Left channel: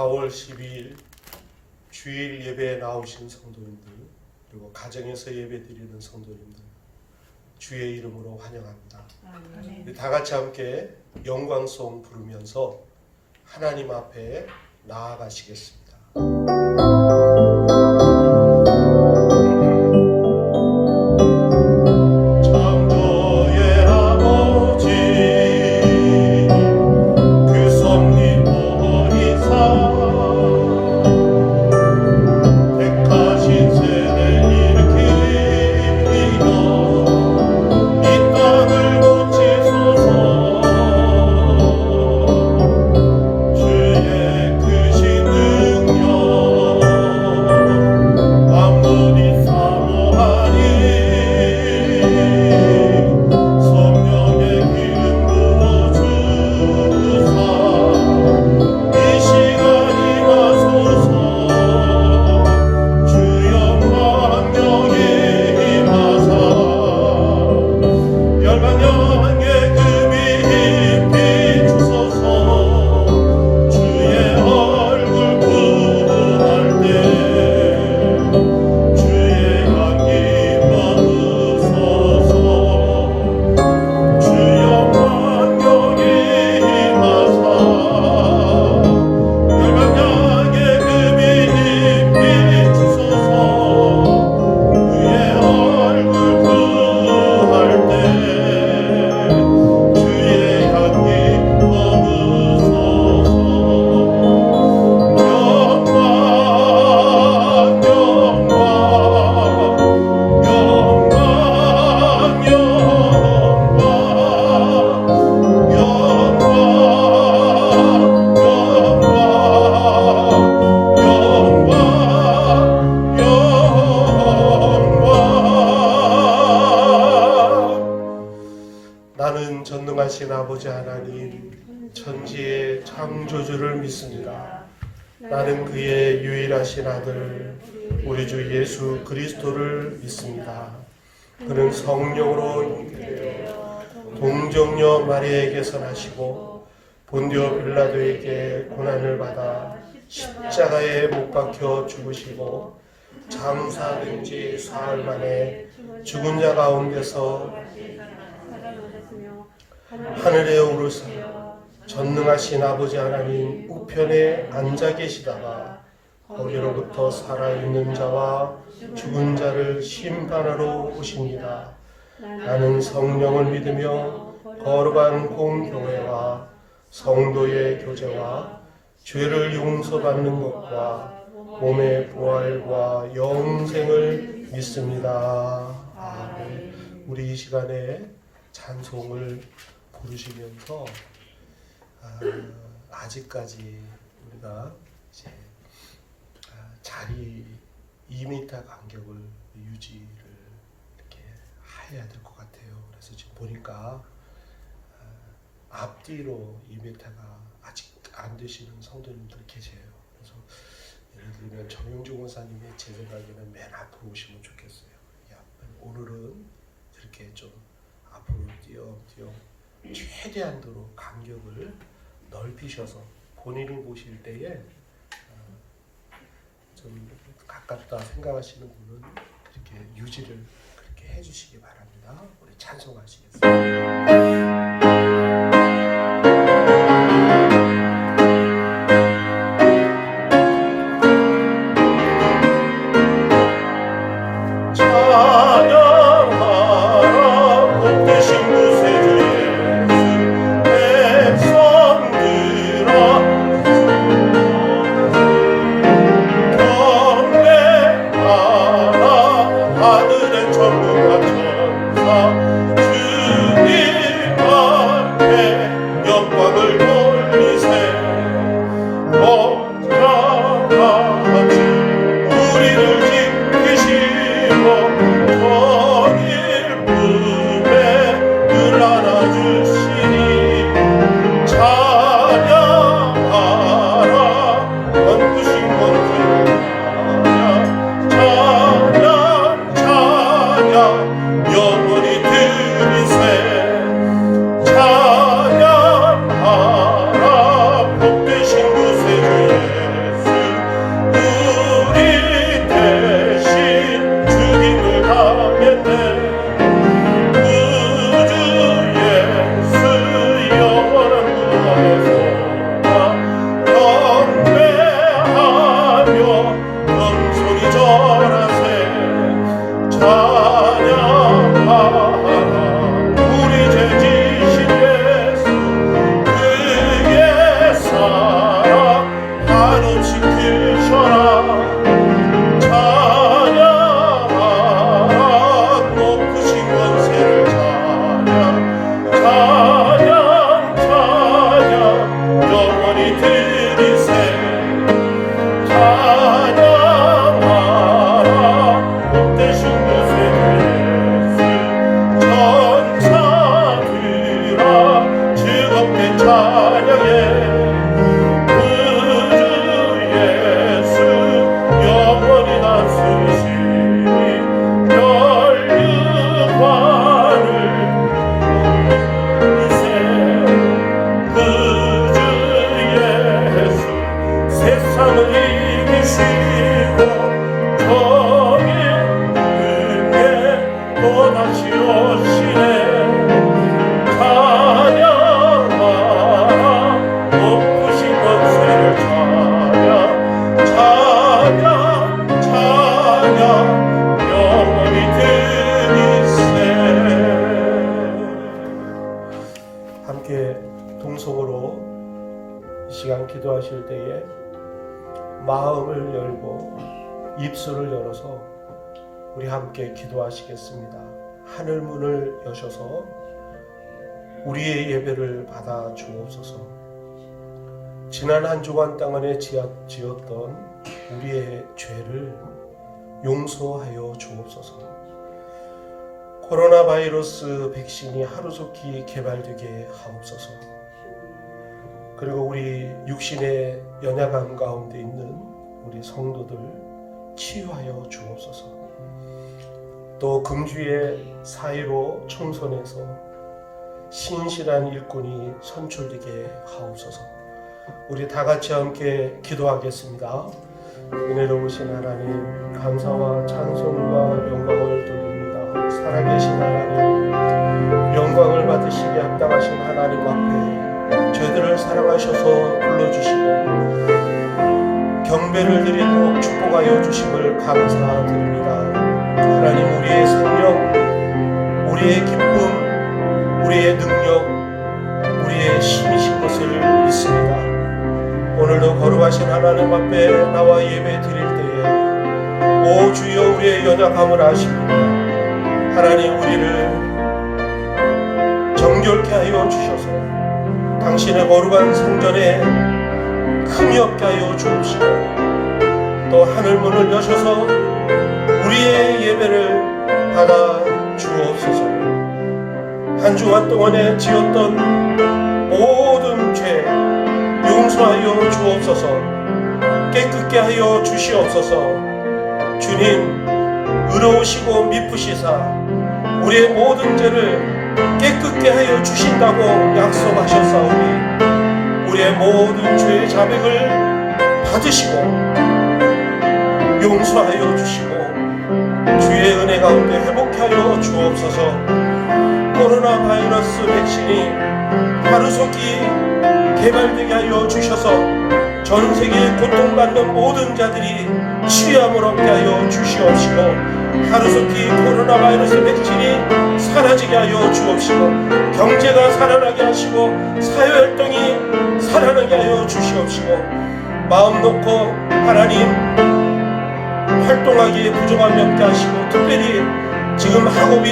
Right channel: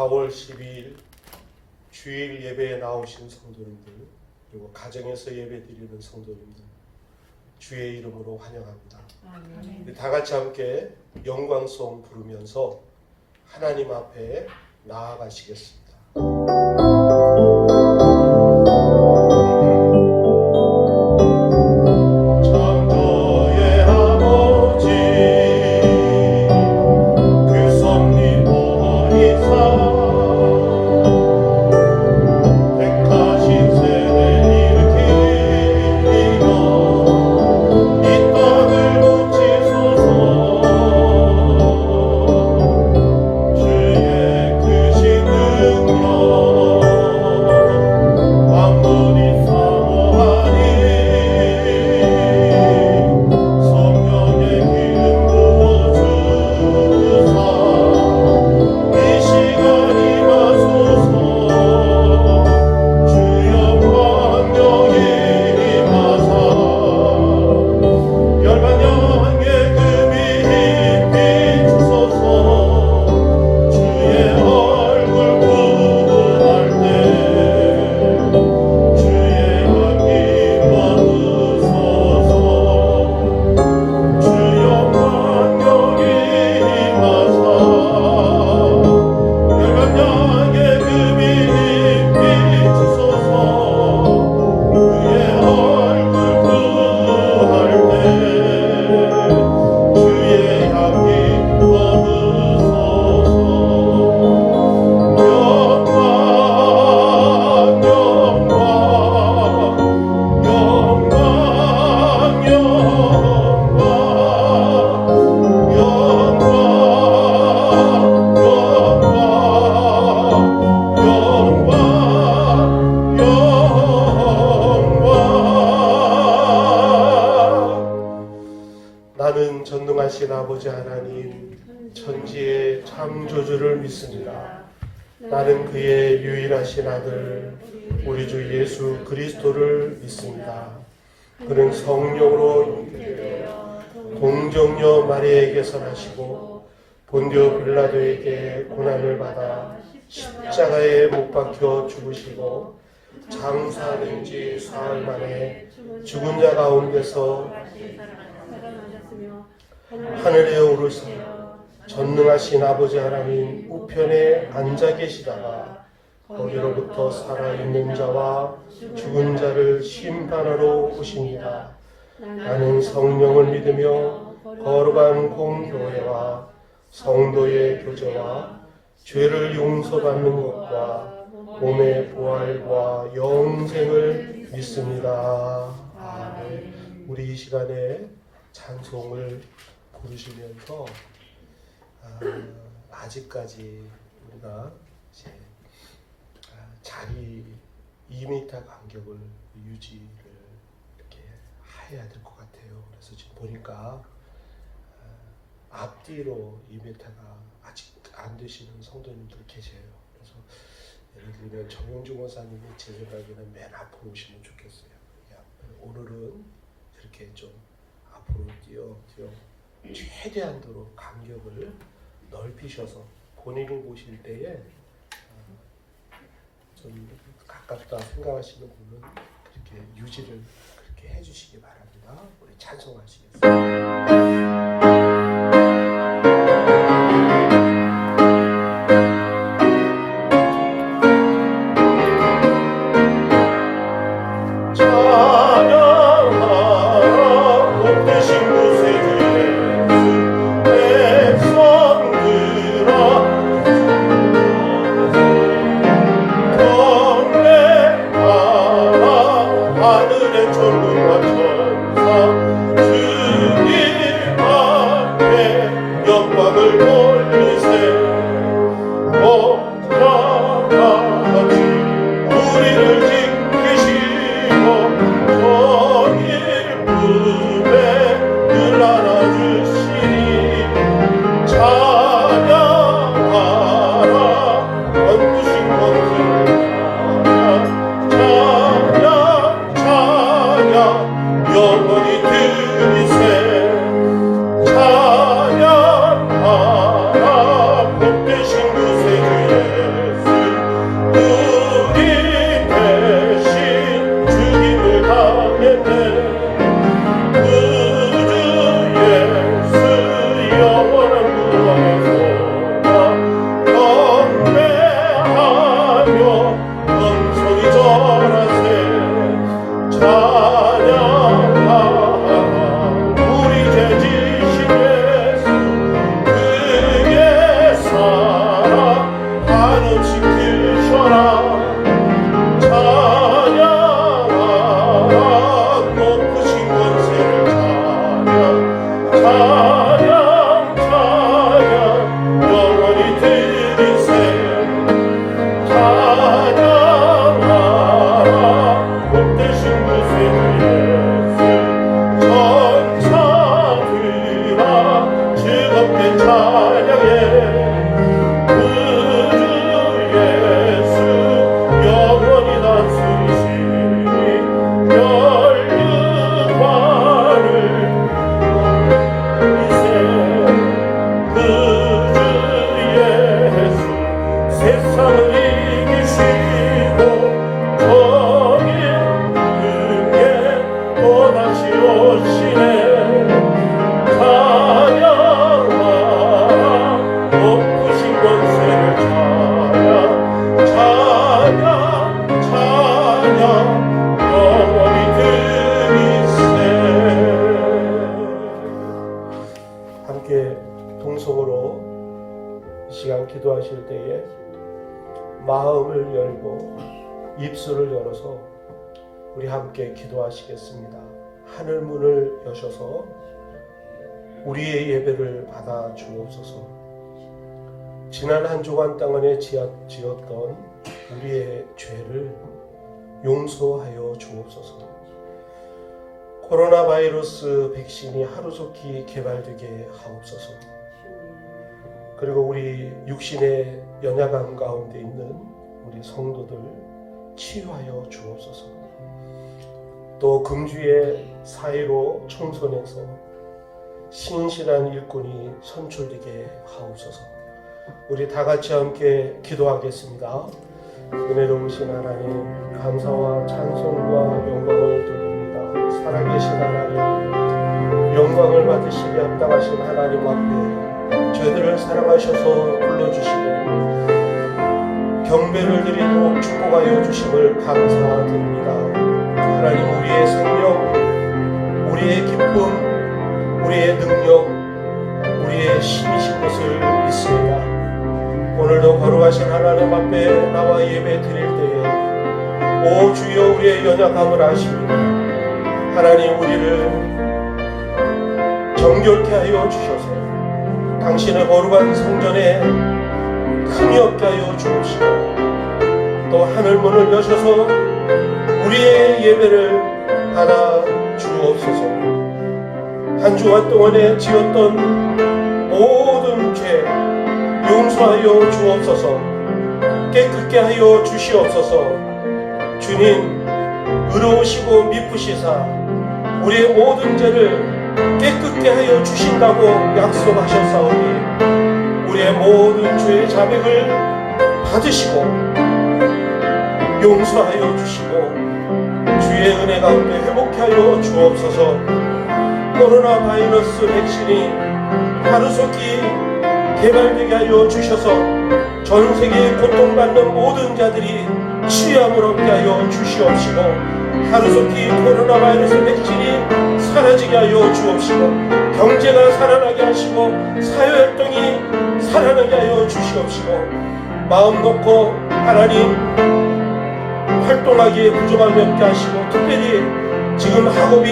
4월 12일 주일 예배에 나오신 성도님들, 그리고 가정에서 예배 드리는 성도님들, 주의 이름으로 환영합니다. 우리 다 같이 함께 영광송 부르면서 하나님 앞에 나아가시겠습니다. 나는 전능하신 아버지 하나님 천지의 창조주를 믿습니다. 나는 그의 유일하신 아들 우리 주 예수 그리스도를 믿습니다. 그는 성령으로 잉태되어 동정녀 마리아에게서 나시고 본디오 빌라도에게 고난을 받아 십자가에 못 박혀 죽으시고 장사된 지 사흘 만에 죽은 자 가운데서 하늘에 오르사 전능하신 아버지 하나님 우편에 앉아 계시다가 거기로부터 살아있는 자와 죽은 자를 심판하러 오십니다. 나는 성령을 믿으며 거룩한 공교회와 성도의 교제와 죄를 용서받는 것과 몸의 부활과 영생을 믿습니다. 아멘. 우리 이 시간에 찬송을 부르시면서 아직까지 우리가 이제 자리 2m 간격을 유지를 이렇게 해야 될 것 같아요. 그래서 지금 보니까 앞뒤로 2m가 아직 안 되시는 성도님들 계세요. 그래서 예를 들면 정용주 목사님이 제 생각에는 맨 앞으로 오시면 좋겠어요. 오늘은 이렇게 좀 앞으로 뛰어 최대한도로 간격을 넓히셔서 본인이 보실 때에 좀 가깝다 생각하시는 분은 그렇게 유지를 그렇게 해주시기 바랍니다. 우리 찬송하시겠습니다. 찬양하라 복되신 구세주의 위해 마음을 열고 입술을 열어서 우리 함께 기도하시겠습니다. 하늘 문을 여셔서 우리의 예배를 받아 주옵소서. 지난 한 주간 땅안에 지었던 우리의 죄를 용서하여 주옵소서. 코로나 바이러스 백신이 하루속히 개발되게 하옵소서. 그리고 우리 육신의 연약함 가운데 있는 우리 성도들 치유하여 주옵소서. 또 금주의 4.15 총선에서 신실한 일꾼이 선출되게 하옵소서. 우리 다 같이 함께 기도하겠습니다. 은혜로우신 하나님, 감사와 찬송과 영광을 드립니다. 살아계신 하나님, 영광을 받으시기 합당하신 하나님 앞에 죄들을 사랑하셔서 불러주시고 경배를 드리고 축복하여 주심을 감사드립니다. 하나님, 우리의 생명, 우리의 기쁨, 우리의 능력, 우리의 힘이신 것을 믿습니다. 오늘도 거룩하신 하나님 앞에 나와 예배 드릴 때에 오 주여 우리의 연약함을 아십니다. 하나님, 우리를 정결케 하여 주셔서 당신의 거룩한 성전에 흠이 없게 하여 주옵시고 또 하늘문을 여셔서 우리의 예배를 받아 주옵소서. 한 주간 동안에 지었던 모든 죄 용서하여 주옵소서. 깨끗게 하여 주시옵소서. 주님, 의로우시고 미쁘시사 우리의 모든 죄를 깨끗게 하여 주신다고 약속하셨사오니 우리의 모든 죄의 자백을 받으시고 용서하여 주시고 주의 은혜 가운데 회복케 하여 주옵소서. 코로나 바이러스 백신이 하루속히 개발되게 하여 주셔서 전 세계에 고통받는 모든 자들이 치유함을 얻게 하여 주시옵시고 하루속히 코로나 바이러스 백신이 사라지게 하여 주옵시고 경제가 살아나게 하시고 사회활동이 살아나게 하여 주시옵시고 마음 놓고 하나님 활동하기에 부족함이 없게 하시고 특별히 지금 학업이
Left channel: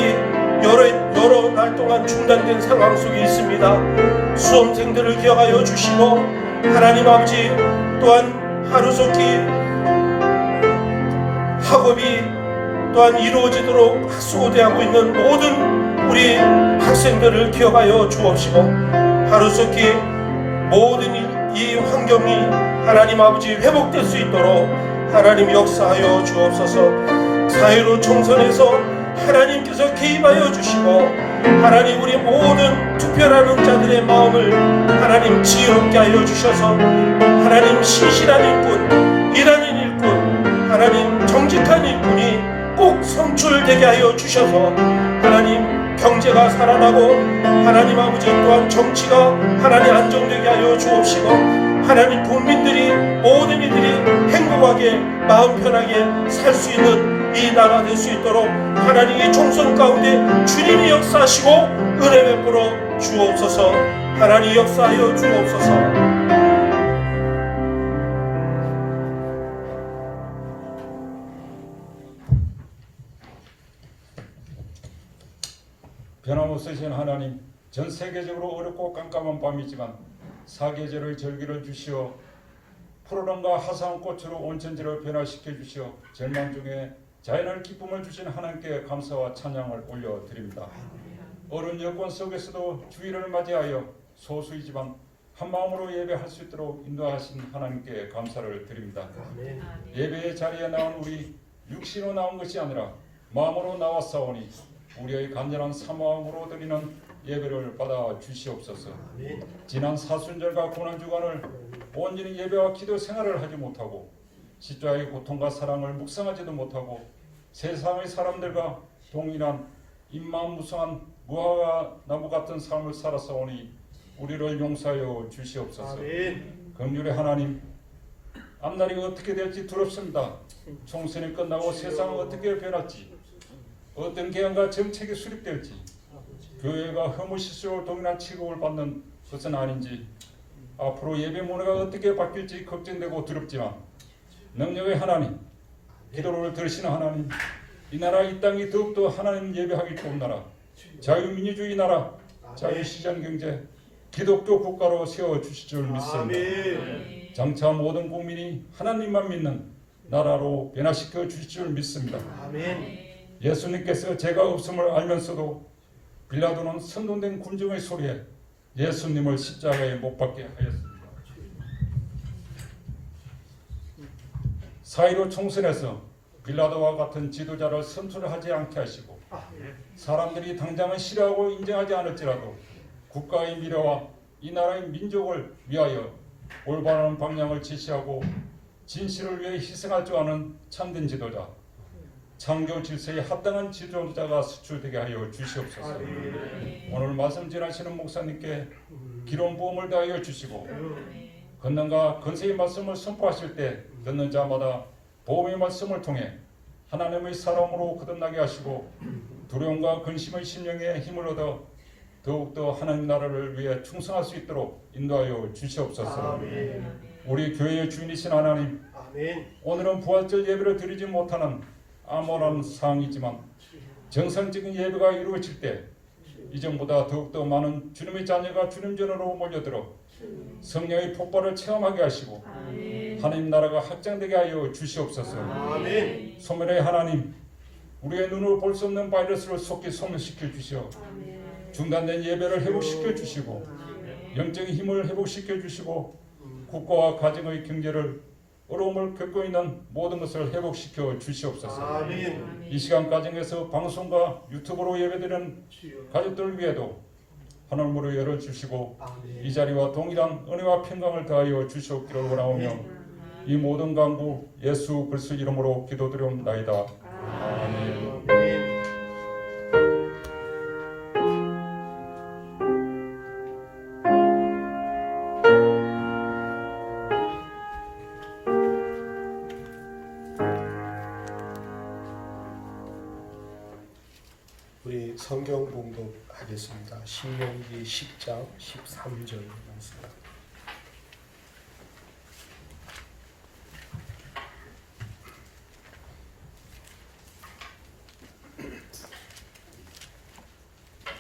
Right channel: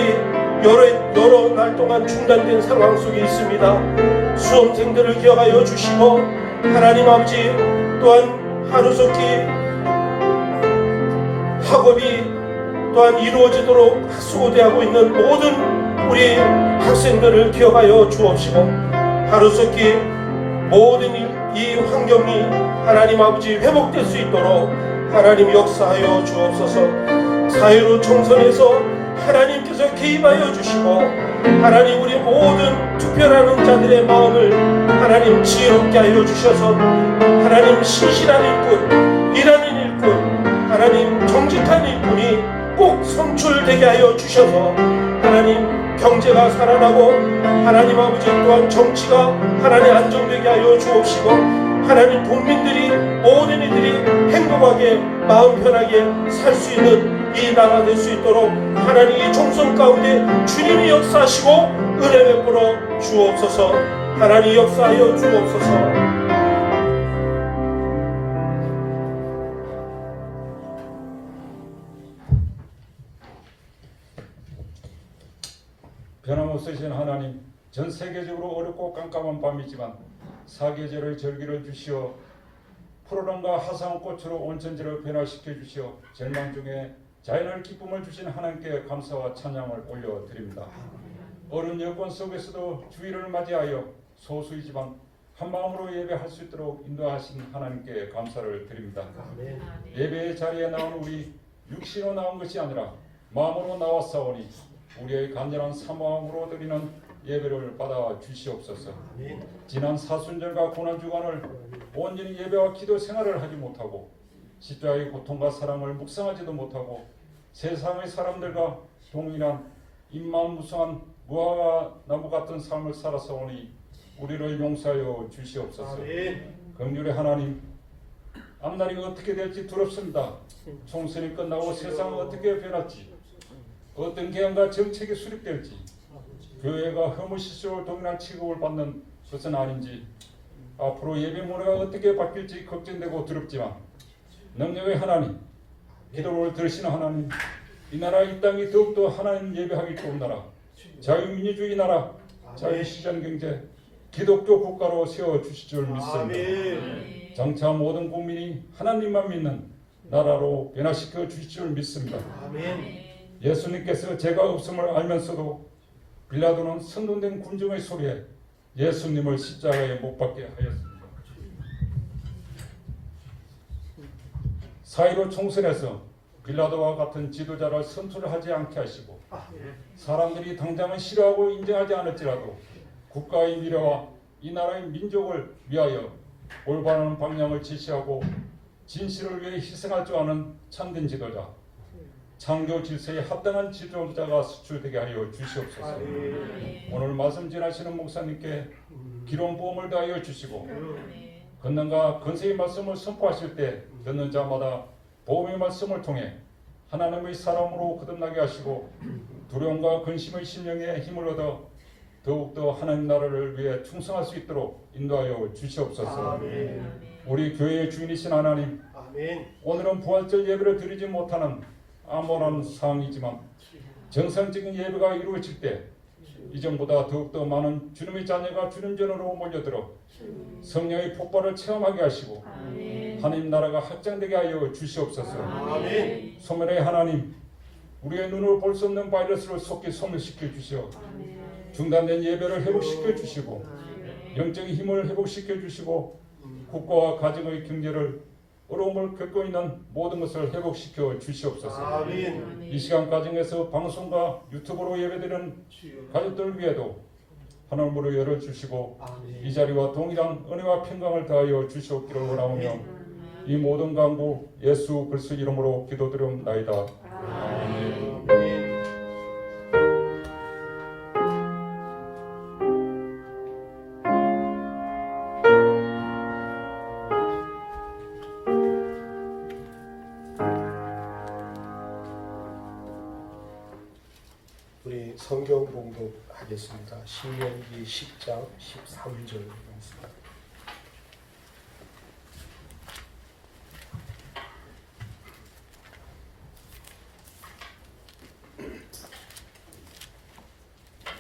여러 날 동안 중단된 상황 속에 있습니다. 수험생들을 기억하여 주시고 하나님 아버지 또한 하루속히 학업이 또한 이루어지도록 수고대하고 있는 모든 우리 학생들을 기억하여 주옵시고 하루속히 모든 이 환경이 하나님 아버지 회복될 수 있도록 하나님 역사하여 주옵소서. 4.15 총선에서 하나님께서 개입하여 주시고 하나님 우리 모든 투표하는 자들의 마음을 하나님 지혜롭게 하여 주셔서 하나님 신실한 일꾼, 일하는 일꾼, 하나님 정직한 일꾼이 꼭 선출되게 하여 주셔서 하나님 경제가 살아나고 하나님 아버지 또한 정치가 하나님 안정되게 하여 주옵시고 하나님 국민들이 모든 이들이 행복하게 마음 편하게 살 수 있는 이 나라 될 수 있도록 하나님 이 총선 가운데 주님이 역사하시고 은혜 베풀어 주옵소서. 하나님 역사하여 주옵소서. 변함없으신 하나님, 전 세계적으로 어렵고 깜깜한 밤이지만 사계절의 절기를 주시어 푸르름과 화사한 꽃으로 온 천지를 변화시켜 주시어 절망 중에 자연을 기쁨을 주신 하나님께 감사와 찬양을 올려드립니다. 어려운 여건 속에서도 주일을 맞이하여 소수이지만 한 마음으로 예배할 수 있도록 인도하신 하나님께 감사를 드립니다. 예배의 자리에 나온 우리 육신으로 나온 것이 아니라 마음으로 나왔사오니 우리의 간절한 사모함으로 드리는 예배를 받아 주시옵소서. 지난 사순절과 고난주간을 온전히 예배와 기도 생활을 하지 못하고 십자가의 고통과 사랑을 묵상하지도 못하고 세상의 사람들과 동일한 입만 무성한 무화과 나무 같은 삶을 살아서오니 우리를 용서하여 주시옵소서. 긍휼의 하나님, 앞날이 어떻게 될지 두렵습니다. 총선이 끝나고 세상은 어떻게 변할지, 어떤 개헌과 정책이 수립될지, 교회가 허무실수로 동일한 취급을 받는 것은 아닌지, 앞으로 예배 문화가 어떻게 바뀔지 걱정되고 두렵지만 능력의 하나님, 기도를 들으시는 하나님, 이 나라 이 땅이 더욱더 하나님 예배하기 좋은 나라, 자유민주주의 나라, 자유시장경제, 기독교 국가로 세워주실 줄 믿습니다. 장차 모든 국민이 하나님만 믿는 나라로 변화시켜 주실 줄 믿습니다. 예수님께서 죄가 없음을 알면서도 빌라도는 선동된 군중의 소리에 예수님을 십자가에 못 박게 하였습니다. 사이로 총선에서 빌라도와 같은 지도자를 선출하지 않게 하시고 사람들이 당장은 싫어하고 인정하지 않을지라도 국가의 미래와 이 나라의 민족을 위하여 올바른 방향을 지시하고 진실을 위해 희생할 줄 아는 참된 지도자, 창조 질서에 합당한 지도자가 수출되게 하여 주시옵소서. 오늘 말씀 전하시는 목사님께 기름 부음을 다하여 주시고 권능과 권세의 말씀을 선포하실 때 듣는 자마다 복음의 말씀을 통해 하나님의 사람으로 거듭나게 하시고 두려움과 근심의 심령에 힘을 얻어 더욱더 하나님 나라를 위해 충성할 수 있도록 인도하여 주시옵소서. 우리 교회의 주인이신 하나님, 오늘은 부활절 예배를 드리지 못하는 암울한 상황이지만 정상적인 예배가 이루어질 때 이전보다 더욱더 많은 주님의 자녀가 주님 전으로 몰려들어 성령의 폭발을 체험하게 하시고 하나님 나라가 확장되게 하여 주시옵소서. 소멸의 하나님, 우리의 눈으로 볼 수 없는 바이러스를 속히 소멸시켜 주시오. 중단된 예배를 회복시켜 주시고 영적인 힘을 회복시켜 주시고 국가와 가정의 경제를 어려움을 겪고 있는 모든 것을 회복시켜 주시옵소서. 이 시간 가정에서 방송과 유튜브로 예배드리는 가족들을 위해도 하늘문을 열어주시고 이 자리와 동일한 은혜와 평강을 더하여 주시옵기를 원하오며 이 모든 간구 예수 그리스도 이름으로 기도드리옵나이다. 아멘. 우리 성경 봉독하겠습니다. 신명기 10장 13절 말씀.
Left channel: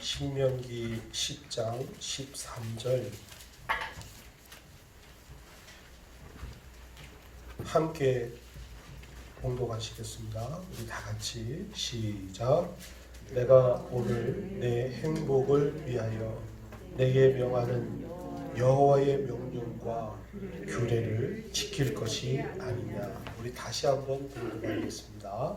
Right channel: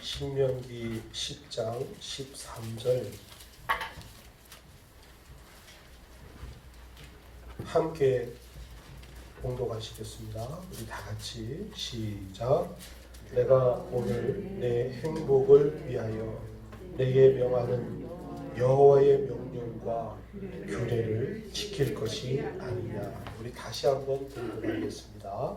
신명기 10장 13절 함께 봉독하시겠습니다. 우리 다 같이 시작. 내가 오늘 내 행복을 위하여 내게 명하는 여호와의 명령과 규례를 지킬 것이 아니냐. 우리 다시 한번 봉독하겠습니다.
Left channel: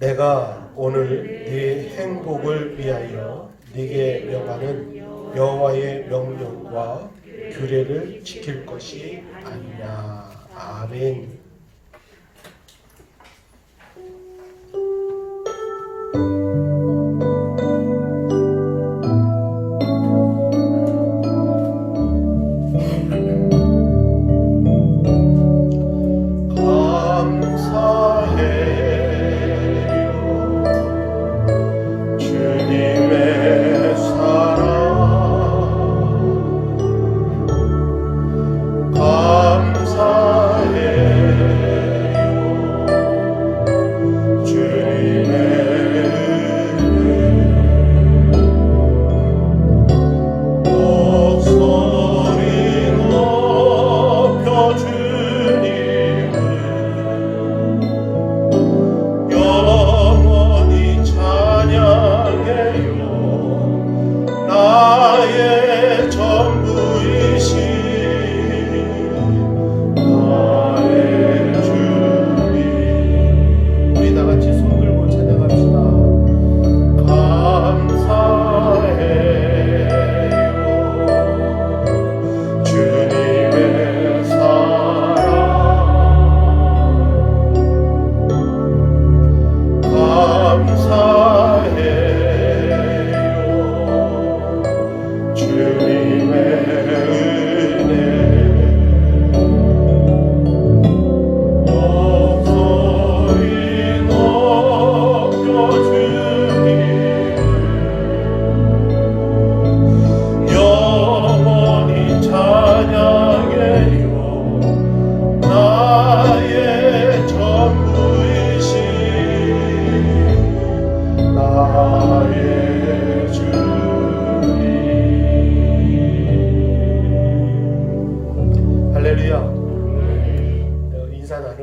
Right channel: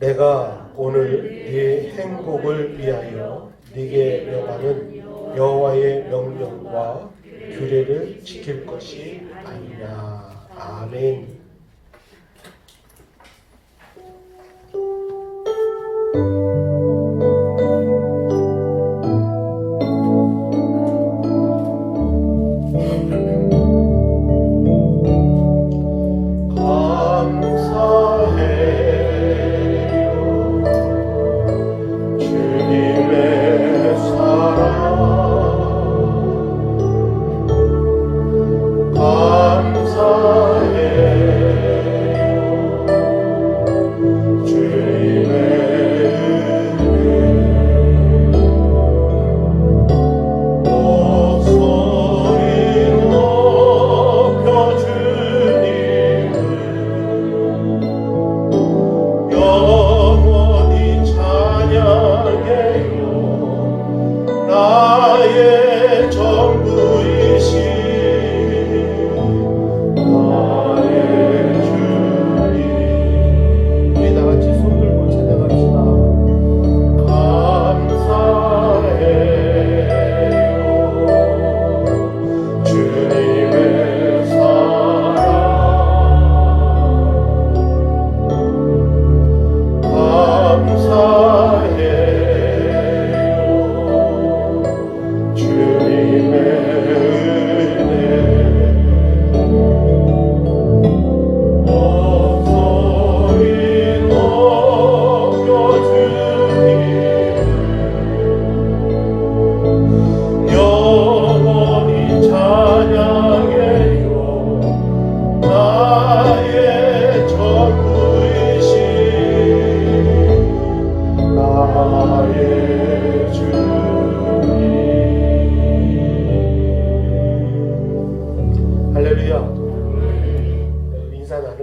내가 오늘 네 행복을 위하여 네게 명하는 여호와의 명령과 규례를 지킬 것이 아니냐. 아멘. 감사해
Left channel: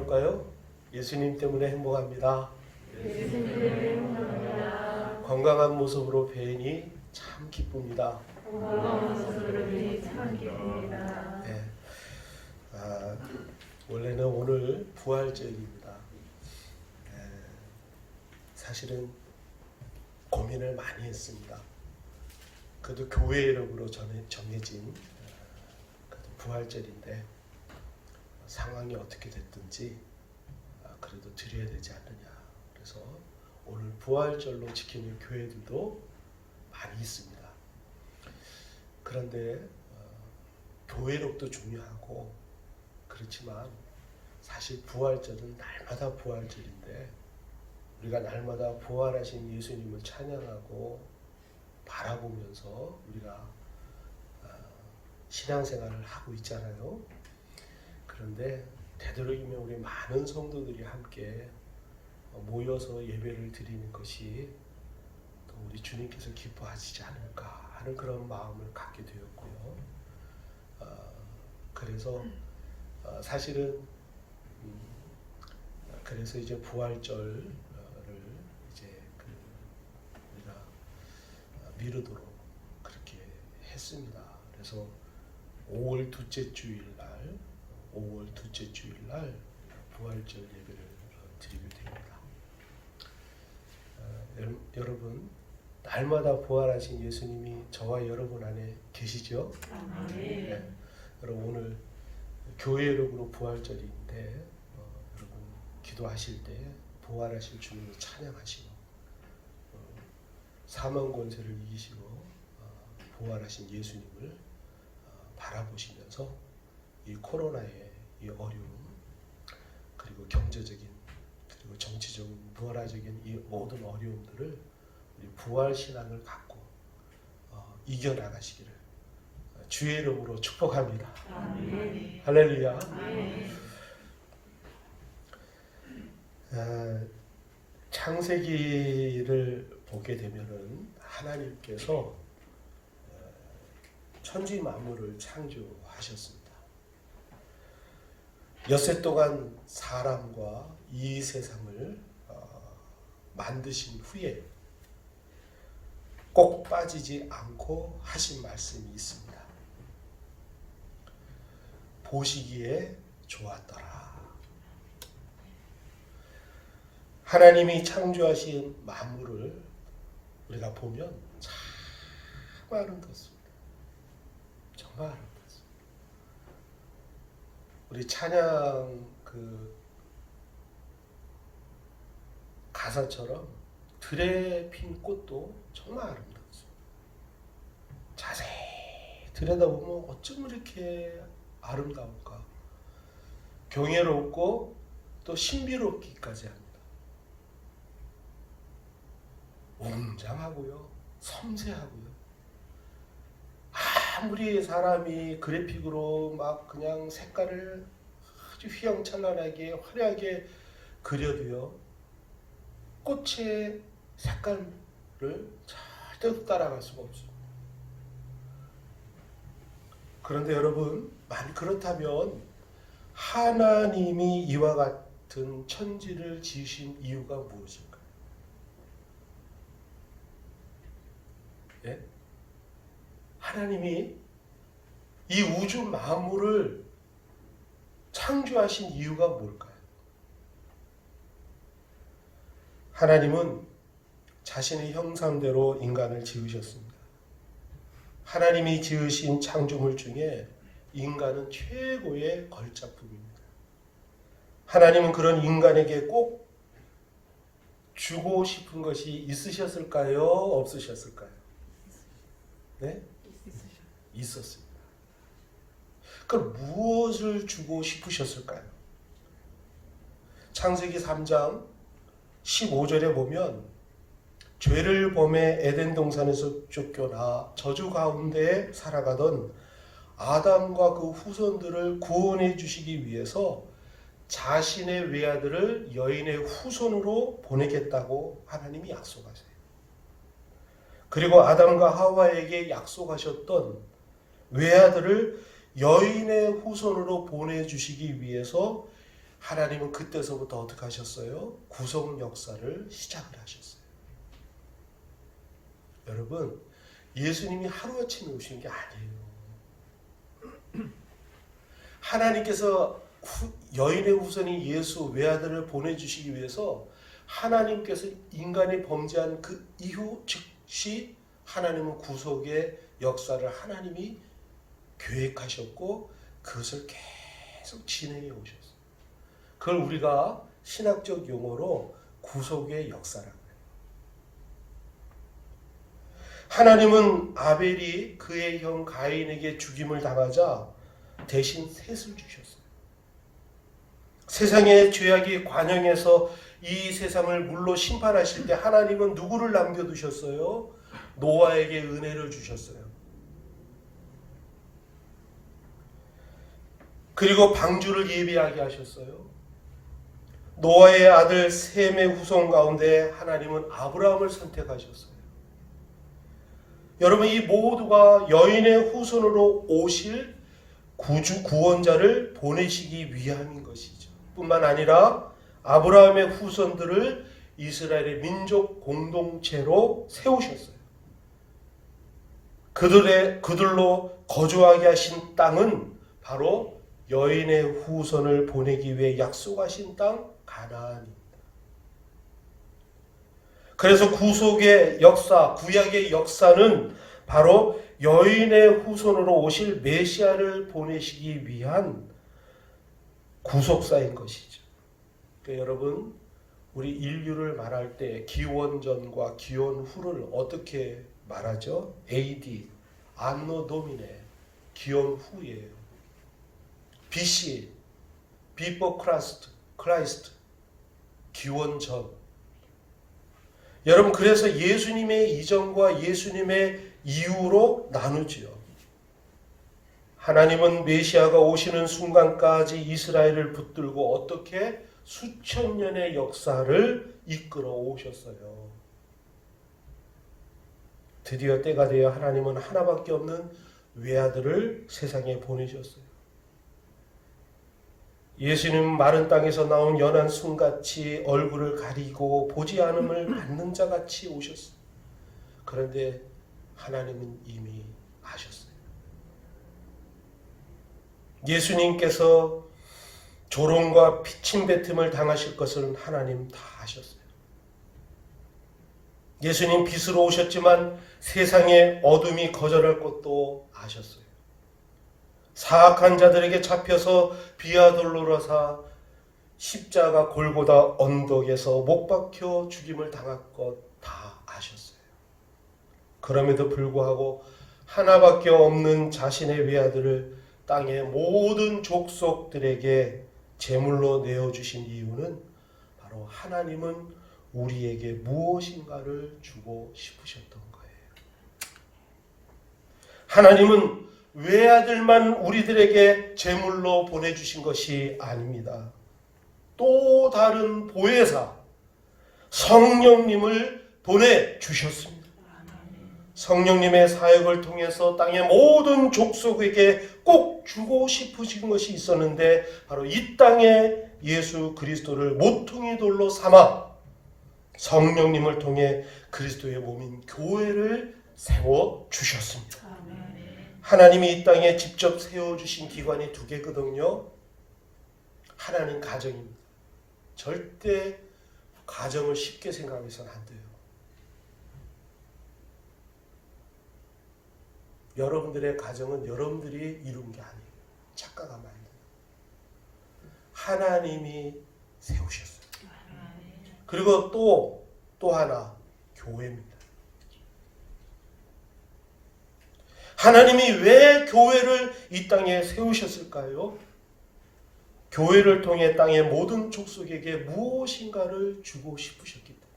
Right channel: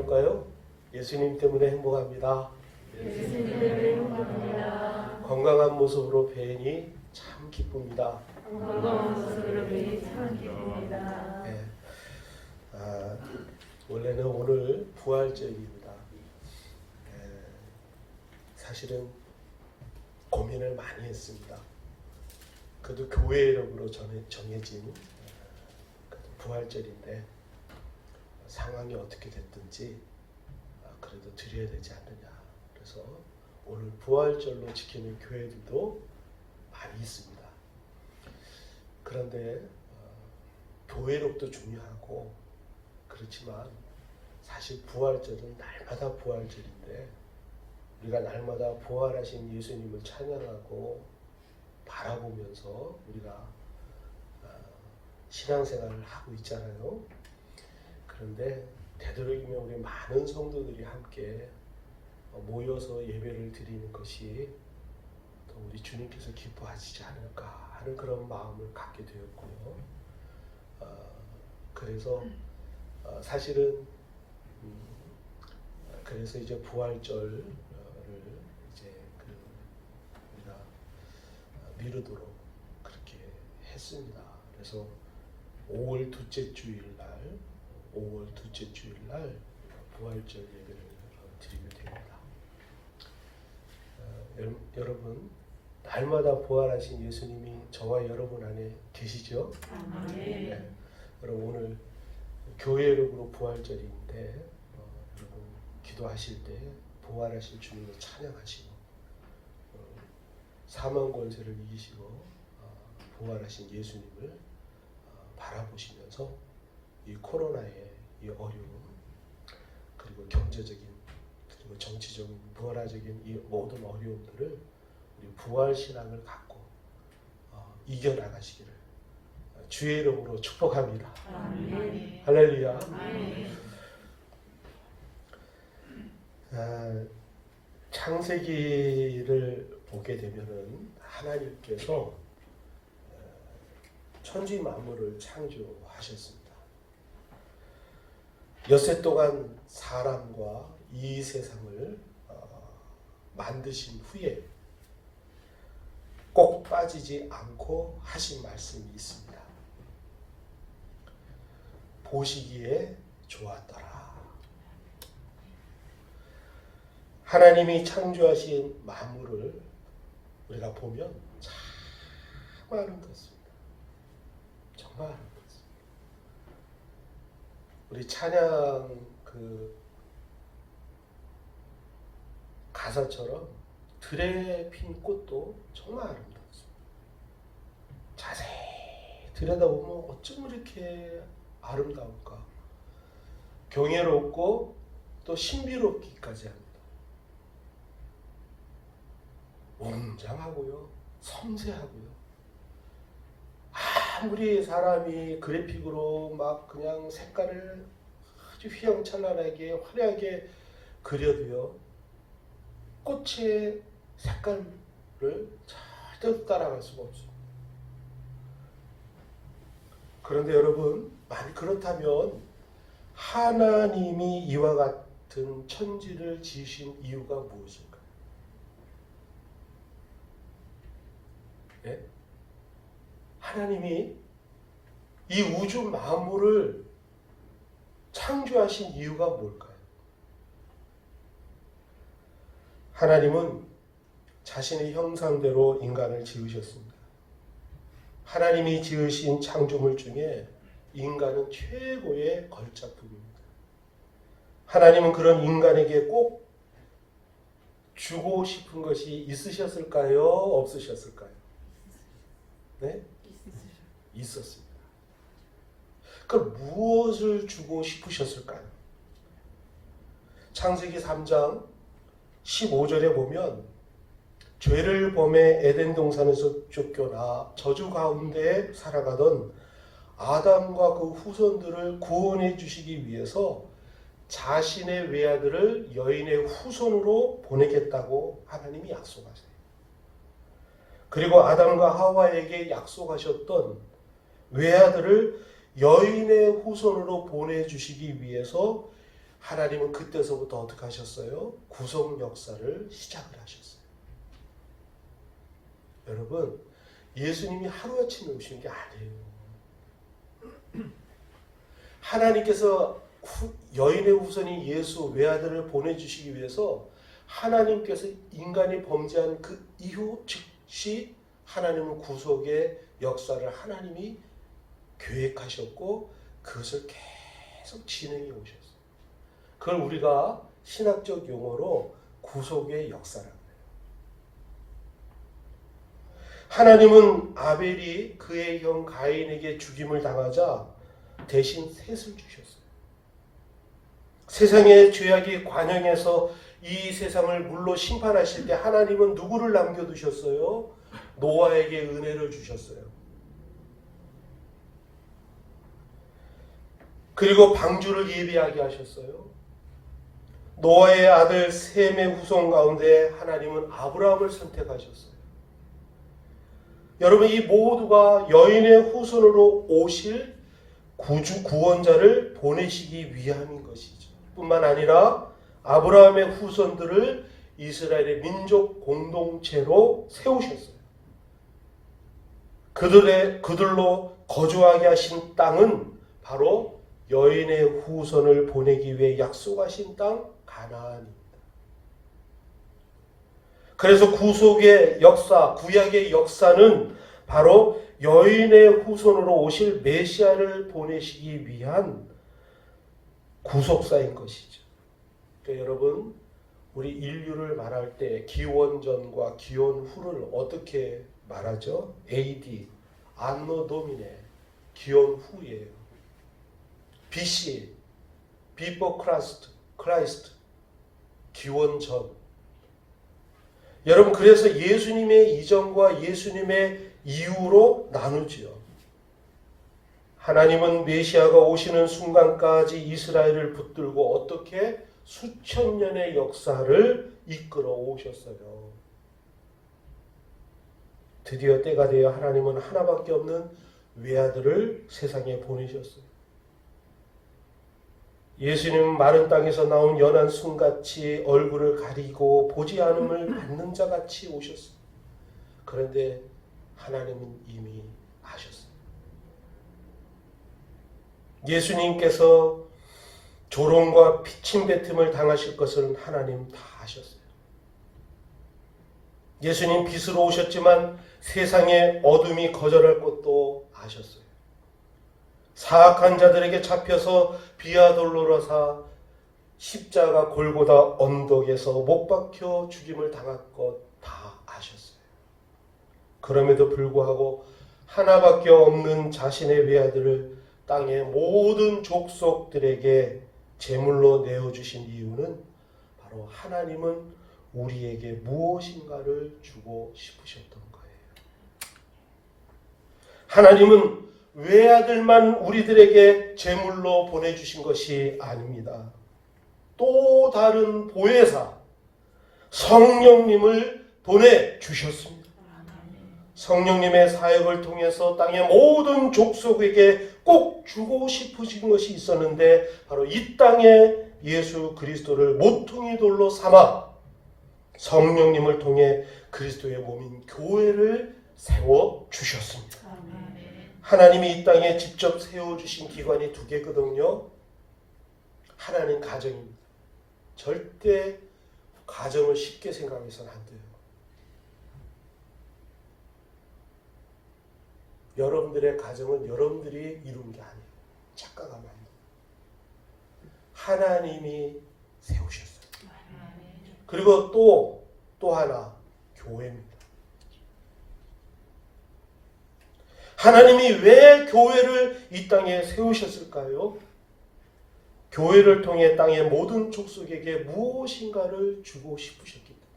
나눌까요? 예수님 때문에 행복합니다. 예수님 때문에 행복합니다. 건강한 모습으로 뵈니 참 기쁩니다. 건강한 모습으로 뵈니 참 기쁩니다. 네. 원래는 오늘 부활절입니다. 사실은 고민을 많이 했습니다. 그래도 교회 이름으로 정해진 부활절인데 상황이 어떻게 됐든지 그래도 드려야 되지 않느냐. 그래서 오늘 부활절로 지키는 교회들도 많이 있습니다. 그런데 교회력도 중요하고 그렇지만 사실 부활절은 날마다 부활절인데 우리가 날마다 부활하신 예수님을 찬양하고 바라보면서 우리가 신앙생활을 하고 있잖아요. 그런데 되도록이면 우리 많은 성도들이 함께 모여서 예배를 드리는 것이 또 우리 주님께서 기뻐하시지 않을까 하는 그런 마음을 갖게 되었고요. 그래서 사실은 그래서 이제 부활절을 이제 우리가 미루도록 그렇게 했습니다. 그래서 5월 둘째 주일날 부활절 예배를 드리게 됩니다. 여러분 날마다 부활하신 예수님이 저와 여러분 안에 계시죠? 네. 여러분 오늘 교회 이름으로 부활절인데 여러분 기도하실 때 부활하실 주님을 찬양하시고 사망 권세를 이기시고 부활하신 예수님을 바라보시면서 이 코로나의 이 어려움 그리고 경제적인 그리고 정치적인 문화적인 이 모든 어려움들을 우리 부활 신앙을 갖고 이겨나가시기를 주의 이름으로 축복합니다. 아멘. 할렐루야. 아멘. 창세기를 보게 되면은 하나님께서 천지 만물을 창조하셨습니다. 엿새 동안 사람과 이 세상을 만드신 후에 꼭 빠지지 않고 하신 말씀이 있습니다. 보시기에 좋았더라. 하나님이 창조하신 만물을 우리가 보면 참 아름답습니다. 정말 아름답습니다. 우리 찬양 가사처럼 들에 핀 꽃도 정말 아름답습니다. 자세히 들여다보면 어쩜 이렇게 아름다울까? 경이롭고 또 신비롭기까지 합니다. 웅장하고요, 섬세하고요. 아무리 사람이 그래픽으로 막 그냥 색깔을 아주 휘황찬란하게 화려하게 그려도요, 꽃의 색깔을 절대로 따라갈 수가 없습니다. 그런데 여러분, 그렇다면 하나님이 이와 같은 천지를 지으신 이유가 무엇일까요? 예? 하나님이 이 우주 만물을 창조하신 이유가 뭘까요? 하나님은 자신의 형상대로 인간을 지으셨습니다. 하나님이 지으신 창조물 중에 인간은 최고의 걸작품입니다. 하나님은 그런 인간에게 꼭 주고 싶은 것이 있으셨을까요? 없으셨을까요? 네? 있었습니다. 그럼 무엇을 주고 싶으셨을까요? 창세기 3장 15절에 보면 죄를 범해 에덴 동산에서 쫓겨나 저주 가운데 살아가던 아담과 그 후손들을 구원해 주시기 위해서 자신의 외아들을 여인의 후손으로 보내겠다고 하나님이 약속하세요. 그리고 아담과 하와에게 약속하셨던 외아들을 여인의 후손으로 보내주시기 위해서 하나님은 그때서부터 어떻게 하셨어요? 구속 역사를 시작을 하셨어요. 여러분, 예수님이 하루아침에 오신 게 아니에요. 하나님께서 여인의 후손인 예수 외아들을 보내주시기 위해서 하나님께서 인간이 범죄한 그 이후 즉시 하나님은 구속의 역사를 하나님이 계획하셨고 그것을 계속 진행해 오셨어요. 그걸 우리가 신학적 용어로 구속의 역사라고 해요. 하나님은 아벨이 그의 형 가인에게 죽임을 당하자 대신 셋을 주셨어요. 세상의 죄악이 관영해서 이 세상을 물로 심판하실 때 하나님은 누구를 남겨두셨어요? 노아에게 은혜를 주셨어요. 그리고 방주를 예비하게 하셨어요. 노아의 아들 셈의 후손 가운데 하나님은 아브라함을 선택하셨어요. 여러분, 이 모두가 여인의 후손으로 오실 구원자를 보내시기 위함인 것이죠. 뿐만 아니라 아브라함의 후손들을 이스라엘의 민족 공동체로 세우셨어요. 그들로 거주하게 하신 땅은 바로 여인의 후손을 보내기 위해 약속하신 땅 가나안입니다. 그래서 구속의 역사, 구약의 역사는 바로 여인의 후손으로 오실 메시아를 보내시기 위한 구속사인 것이죠. 그러니까 여러분, 우리 인류를 말할 때 기원 전과 기원 후를 어떻게 말하죠? AD, 안노 도미네, 기원 후예요. BC, Before Christ, 기원 전. 여러분, 그래서 예수님의 이전과 예수님의 이후로 나누지요. 하나님은 메시아가 오시는 순간까지 이스라엘을 붙들고 어떻게 수천 년의 역사를 이끌어 오셨어요. 드디어 때가 되어 하나님은 하나밖에 없는 외아들을 세상에 보내셨어요. 예수님은 마른 땅에서 나온 연한 순같이 얼굴을 가리고 보지 않음을 받는 자같이 오셨어요. 그런데 하나님은 이미 아셨어요. 예수님께서 조롱과 피침뱉음을 당하실 것을 하나님 다 아셨어요. 예수님 빛으로 오셨지만 세상의 어둠이 거절할 것도 아셨어요. 사악한 자들에게 잡혀서 비아돌로라사 십자가 골고다 언덕에서 못 박혀 죽임을 당할 것 다 아셨어요. 그럼에도 불구하고 하나밖에 없는 자신의 외아들을 땅의 모든 족속들에게 제물로 내어주신 이유는 바로 하나님은 우리에게 무엇인가를 주고 싶으셨던 거예요. 하나님은 외아들만 우리들에게 제물로 보내주신 것이 아닙니다. 또 다른 보혜사 성령님을 보내주셨습니다. 성령님의 사역을 통해서 땅의 모든 족속에게 꼭 주고 싶으신 것이 있었는데 바로 이 땅에 예수 그리스도를 모퉁이 돌로 삼아 성령님을 통해 그리스도의 몸인 교회를 세워주셨습니다. 하나님이 이 땅에 직접 세워주신 기관이 두 개거든요. 하나는 가정입니다. 절대 가정을 쉽게 생각해서는 안 돼요. 여러분들의 가정은 여러분들이 이룬 게 아니에요. 착각하면 안 돼요. 하나님이 세우셨어요. 그리고 또 하나, 교회입니다. 하나님이 왜 교회를 이 땅에 세우셨을까요? 교회를 통해 땅의 모든 족속에게 무엇인가를 주고 싶으셨기 때문에.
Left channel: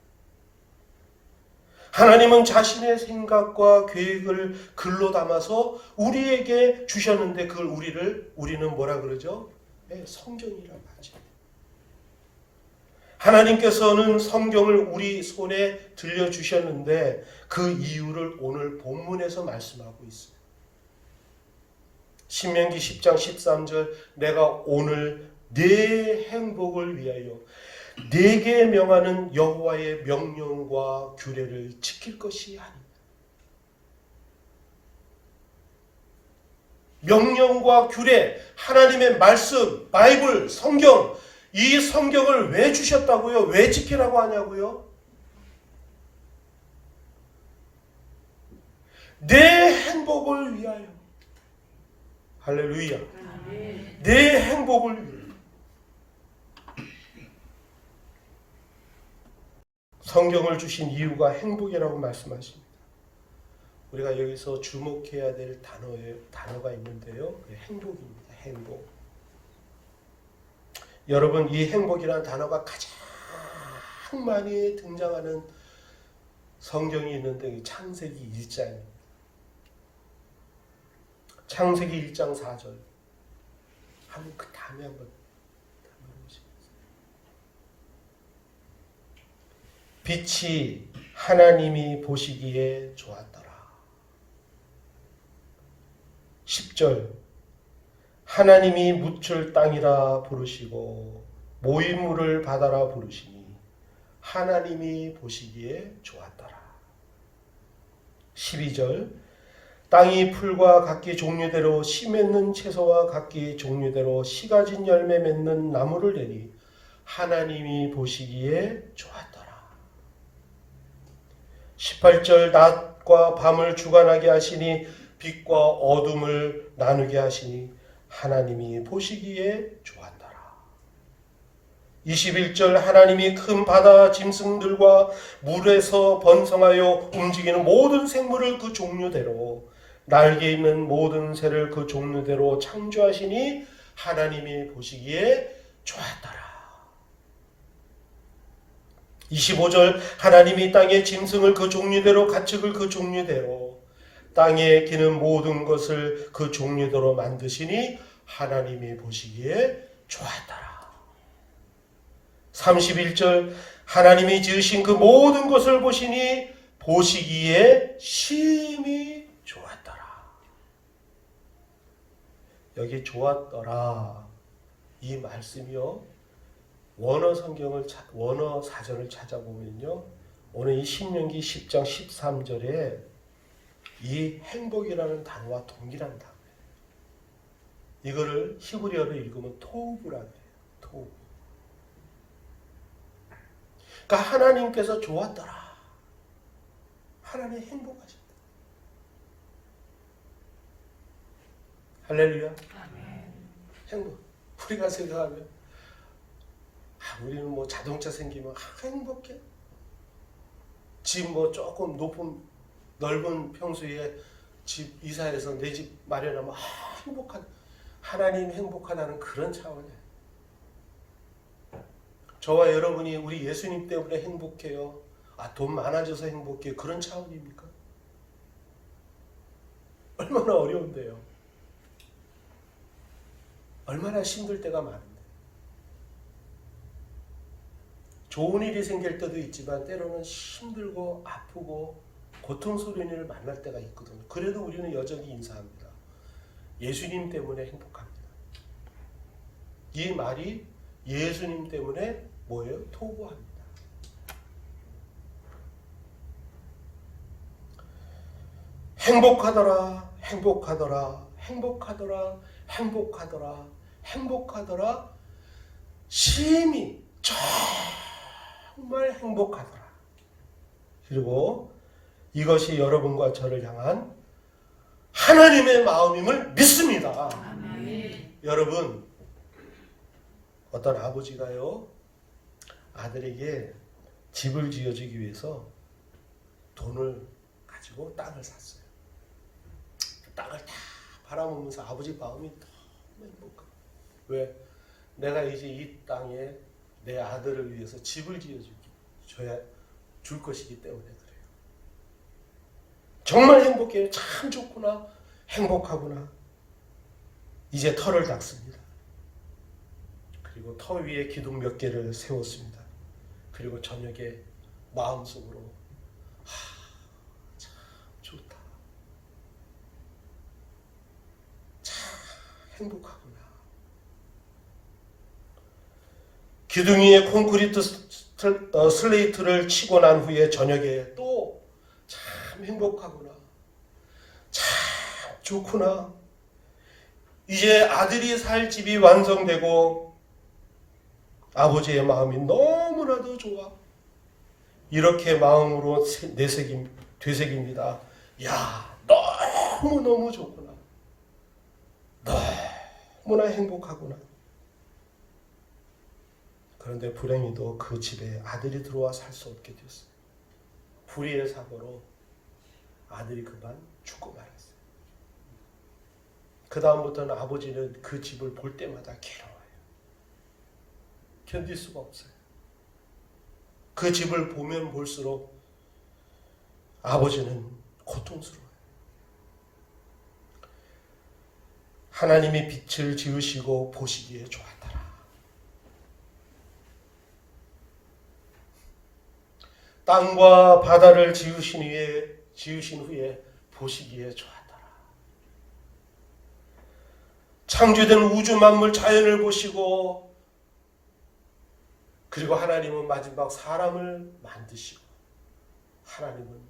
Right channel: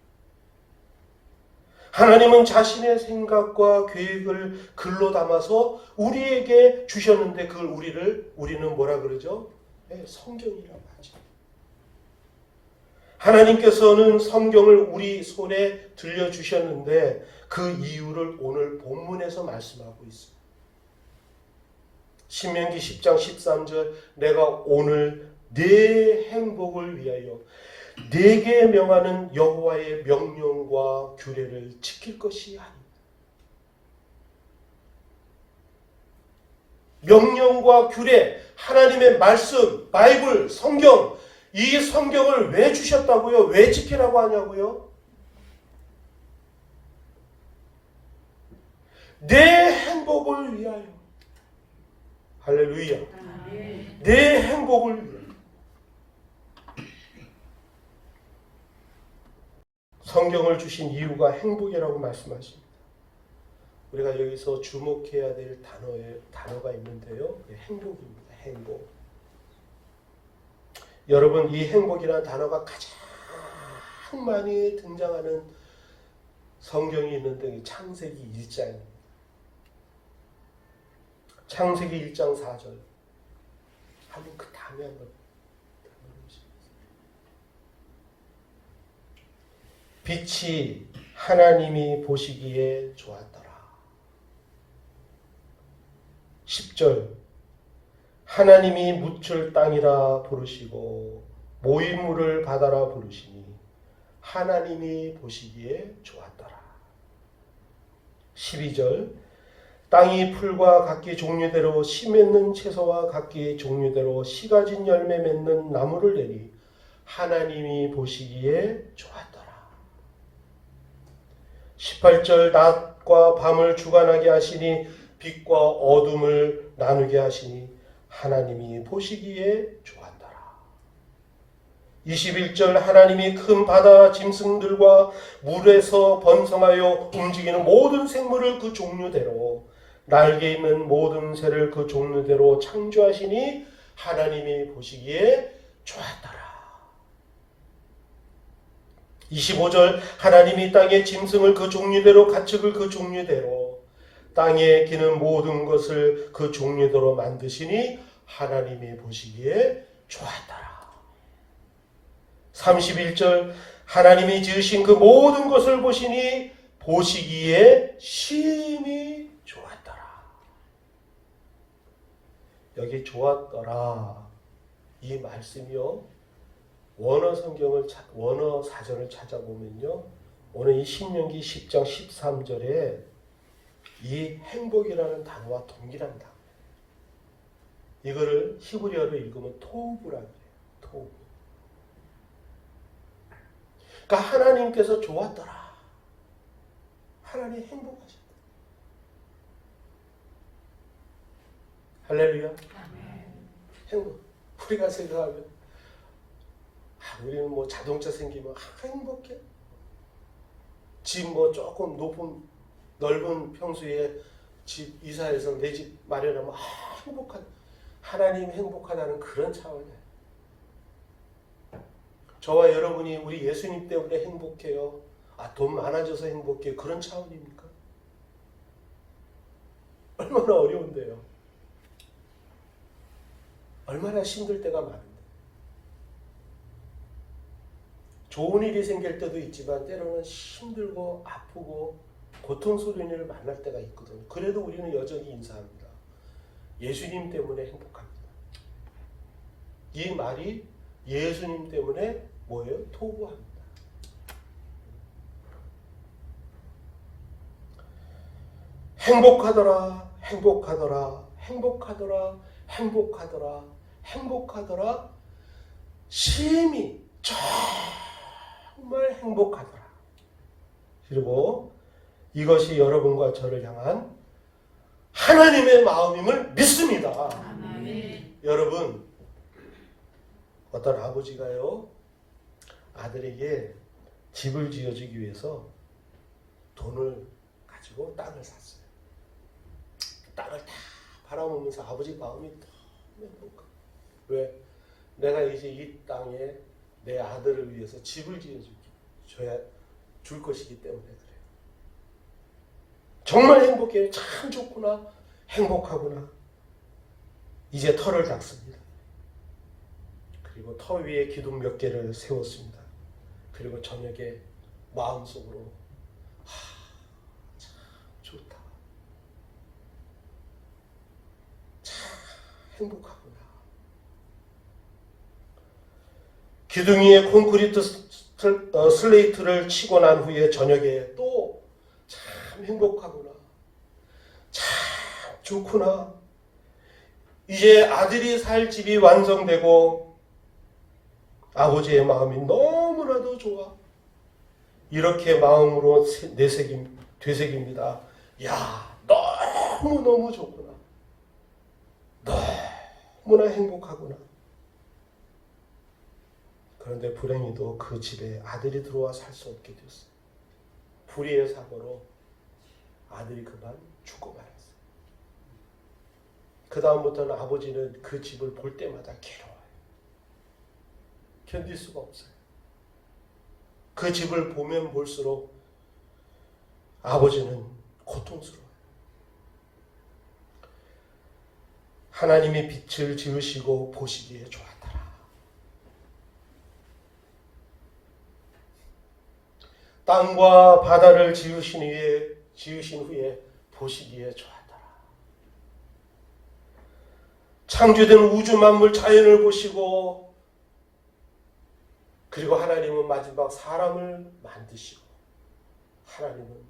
하나님은 자신의 생각과 계획을 글로 담아서 우리에게 주셨는데 그걸 우리는 뭐라 그러죠? 네, 성경이라고 하죠. 하나님께서는 성경을 우리 손에 들려주셨는데 그 이유를 오늘 본문에서 말씀하고 있어요. 신명기 10장 13절 내가 오늘 내 행복을 위하여 내게 명하는 여호와의 명령과 규례를 지킬 것이 아니다. 명령과 규례, 하나님의 말씀, 바이블, 성경, 이 성경을 왜 주셨다고요? 왜 지키라고 하냐고요? 내 행복을 위하여. 할렐루야. 내 행복을 위하여. 성경을 주신 이유가 행복이라고 말씀하십니다. 우리가 여기서 주목해야 될 단어가 있는데요. 행복입니다. 행복. 여러분, 이 행복이라는 단어가 가장 많이 등장하는 성경이 있는데 창세기 1장입니다. 창세기 1장 4절. 한번 그 다음에 한번 빛이 하나님이 보시기에 좋았더라. 10절. 하나님이 묻힐 땅이라 부르시고 모인물을 바다라 부르시니 하나님이 보시기에 좋았더라. 12절. 땅이 풀과 각기 종류대로 씨 맺는 채소와 각기 종류대로 씨 가진 열매 맺는 나무를 내니 하나님이 보시기에 좋았더라. 18절. 낮과 밤을 주관하게 하시니 빛과 어둠을 나누게 하시니 하나님이 보시기에 좋았더라. 21절. 하나님이 큰 바다 짐승들과 물에서 번성하여 움직이는 모든 생물을 그 종류대로 날개 있는 모든 새를 그 종류대로 창조하시니 하나님이 보시기에 좋았더라. 25절. 하나님이 땅의 짐승을 그 종류대로 가축을 그 종류대로 땅에 기는 모든 것을 그 종류대로 만드시니 하나님이 보시기에 좋았더라. 31절. 하나님이 지으신 그 모든 것을 보시니 보시기에 심히 좋았더라. 여기 좋았더라 이 말씀이요, 원어 사전을 찾아보면요, 오늘 이 신명기 10장 13절에 이 행복이라는 단어와 동일한 단어예요. 이거를 히브리어로 읽으면 토우브라고 해요. 토우브. 그러니까 하나님께서 좋았더라. 하나님 행복하셨다. 할렐루야. 행복. 우리가 생각하면 우리는 뭐 자동차 생기면 행복해. 집 뭐 조금 넓은 평수에 집 이사해서 내 집 마련하면 행복하다. 하나님 행복하다는 그런 차원이에요. 저와 여러분이 우리 예수님 때문에 행복해요. 돈 많아져서 행복해요. 그런 차원입니까? 얼마나 어려운데요. 얼마나 힘들 때가 많은데. 좋은 일이 생길 때도 있지만 때로는 힘들고 아프고 고통스러운 일을 만날 때가 있거든요. 그래도 우리는 여전히 인사합니다. 예수님 때문에 행복합니다. 이 말이 예수님 때문에 뭐예요? 토부합니다. 행복하더라, 행복하더라, 행복하더라, 행복하더라, 행복하더라, 심히 정말 행복하더라. 그리고 이것이 여러분과 저를 향한 하나님의 마음임을 믿습니다. 여러분, 어떤 아버지가요, 아들에게 집을 지어주기 위해서 돈을 가지고 땅을 샀어요. 땅을 다 바라보면서 아버지 마음이 너무 행복하고, 왜? 내가 이제 이 땅에 내 아들을 위해서 집을 줄 것이기 때문에 그래요. 정말 행복해요. 참 좋구나. 행복하구나. 이제 터를 닦습니다. 그리고 터 위에 기둥 몇 개를 세웠습니다. 그리고 저녁에 마음속으로 참 좋다. 참 행복하구나. 기둥이에 콘크리트 슬레이트를 치고 난 후에 저녁에 또 참 행복하구나. 참 좋구나. 이제 아들이 살 집이 완성되고 아버지의 마음이 너무나도 좋아. 이렇게 마음으로 되새깁니다. 야, 너무너무 좋구나. 너무나 행복하구나. 그런데 불행히도 그 집에 아들이 들어와 살 수 없게 됐어. 불의의 사고로 아들이 그만 죽고 말았어요. 그 다음부터는 아버지는 그 집을 볼 때마다 괴로워요. 견딜 수가 없어요. 그 집을 보면 볼수록 아버지는 고통스러워요. 하나님이 빛을 지으시고 보시기에 좋았더라. 땅과 바다를 지으신 후에 보시기에 좋았더라. 창조된 우주 만물 자연을 보시고, 그리고 하나님은 마지막 사람을 만드시고, 하나님은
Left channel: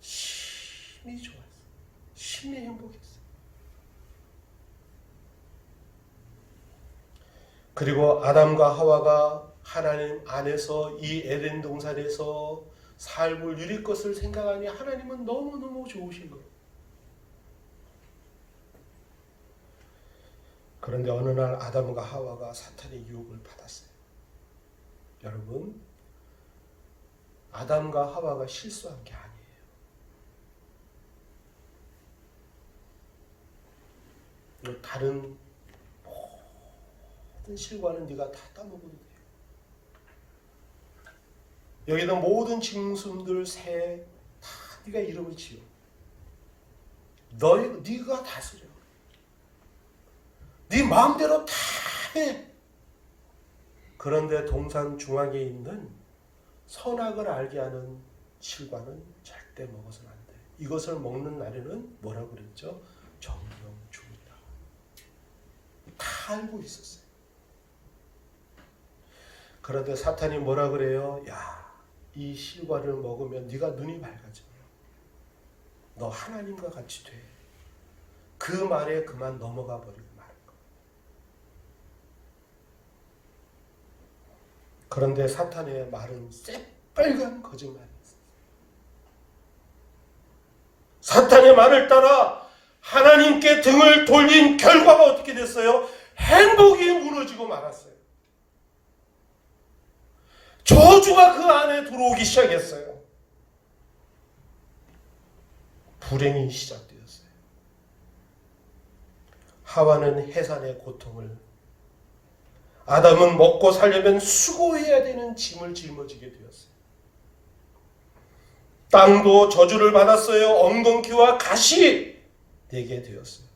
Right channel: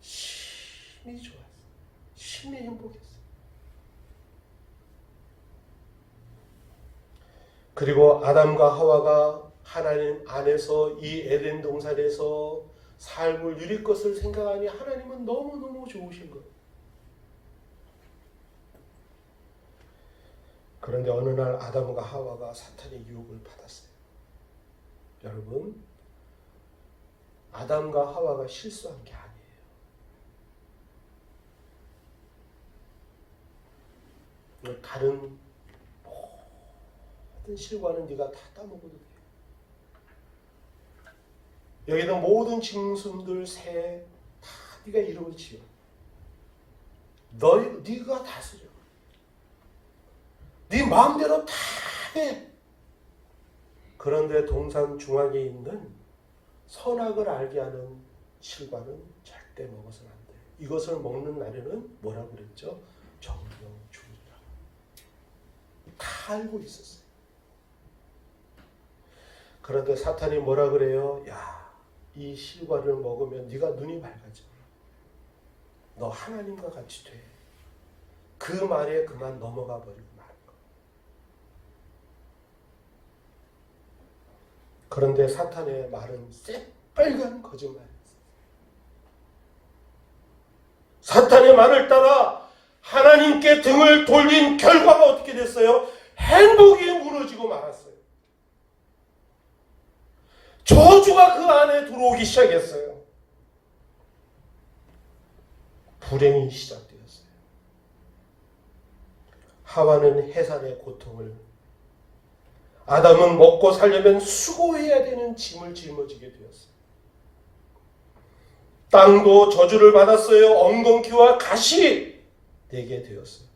심히 좋았어요. 심히 행복했어요. 그리고 아담과 하와가 하나님 안에서 이 에덴 동산에서 삶을 누릴 것을 생각하니 하나님은 너무너무 좋으신 거예요. 그런데 어느 날 아담과 하와가 사탄의 유혹을 받았어요. 여러분, 아담과 하와가 실수한 게 아니에요. 다른 모든 실과는 네가 다 따먹어도 돼요. 여기는 모든 짐승들, 새 다 네가 이름을 지어. 네가 다스려. 네 마음대로 다 해. 그런데 동산 중앙에 있는 선악을 알게 하는 실과는 절대 먹어서는 안 돼. 이것을 먹는 날에는 뭐라고 그랬죠? 정령죽이라. 다 알고 있었어요. 그런데 사탄이 뭐라 그래요? 야, 이 실과를 먹으면 네가 눈이 밝아져. 너 하나님과 같이 돼. 그 말에 그만 넘어가 버리고 마는 거예요. 그런데 사탄의 말은 새빨간 거짓말이었어요. 사탄의 말을 따라 하나님께 등을 돌린 결과가 어떻게 됐어요? 행복이 무너지고 말았어요. 저주가 그 안에 들어오기 시작했어요. 불행이 시작되었어요. 하와는 해산의 고통을, 아담은 먹고 살려면 수고해야 되는 짐을 짊어지게 되었어요. 땅도 저주를 받았어요. 엉겅퀴와 가시 되게 되었어요.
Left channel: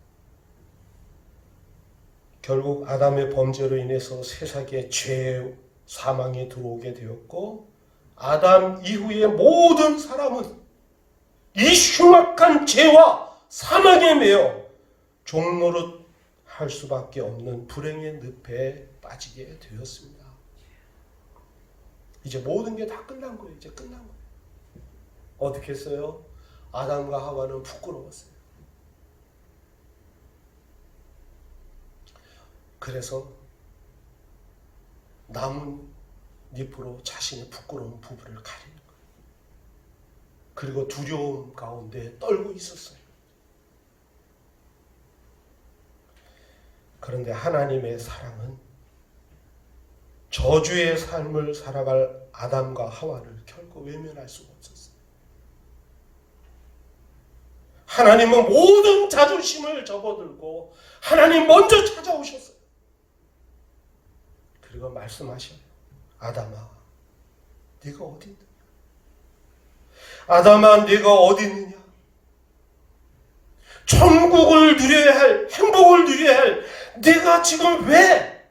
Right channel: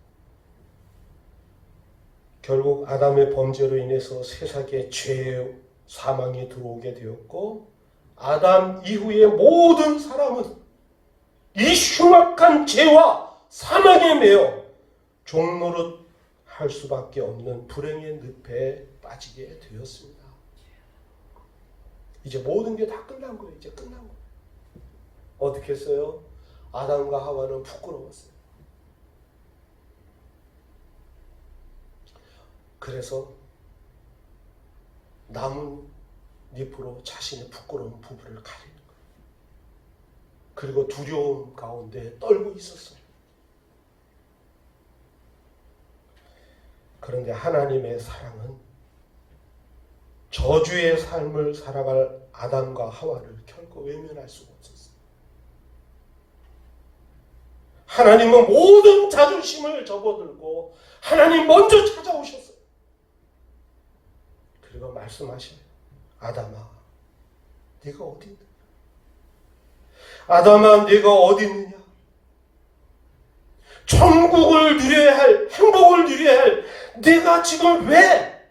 결국 아담의 범죄로 인해서 세상에 죄, 사망이 들어오게 되었고, 아담 이후의 모든 사람은 이 흉악한 죄와 사망에 매여 종노릇 할 수밖에 없는 불행의 늪에 빠지게 되었습니다. 이제 모든 게 다 끝난 거예요. 이제 끝난 거예요. 어떻게 했어요? 아담과 하와는 부끄러웠어요. 그래서 나뭇잎으로 자신의 부끄러운 부부를 가리는 거예요. 그리고 두려움 가운데 떨고 있었어요. 그런데 하나님의 사랑은 저주의 삶을 살아갈 아담과 하와를 결코 외면할 수가 없었어요. 하나님은 모든 자존심을 접어들고 하나님 먼저 찾아오셨어요. 그리고 말씀하셔요. 아담아, 네가 어디 있느냐? 아담아, 네가 어디 있느냐? 천국을 누려야 할, 행복을 누려야 할 네가 지금 왜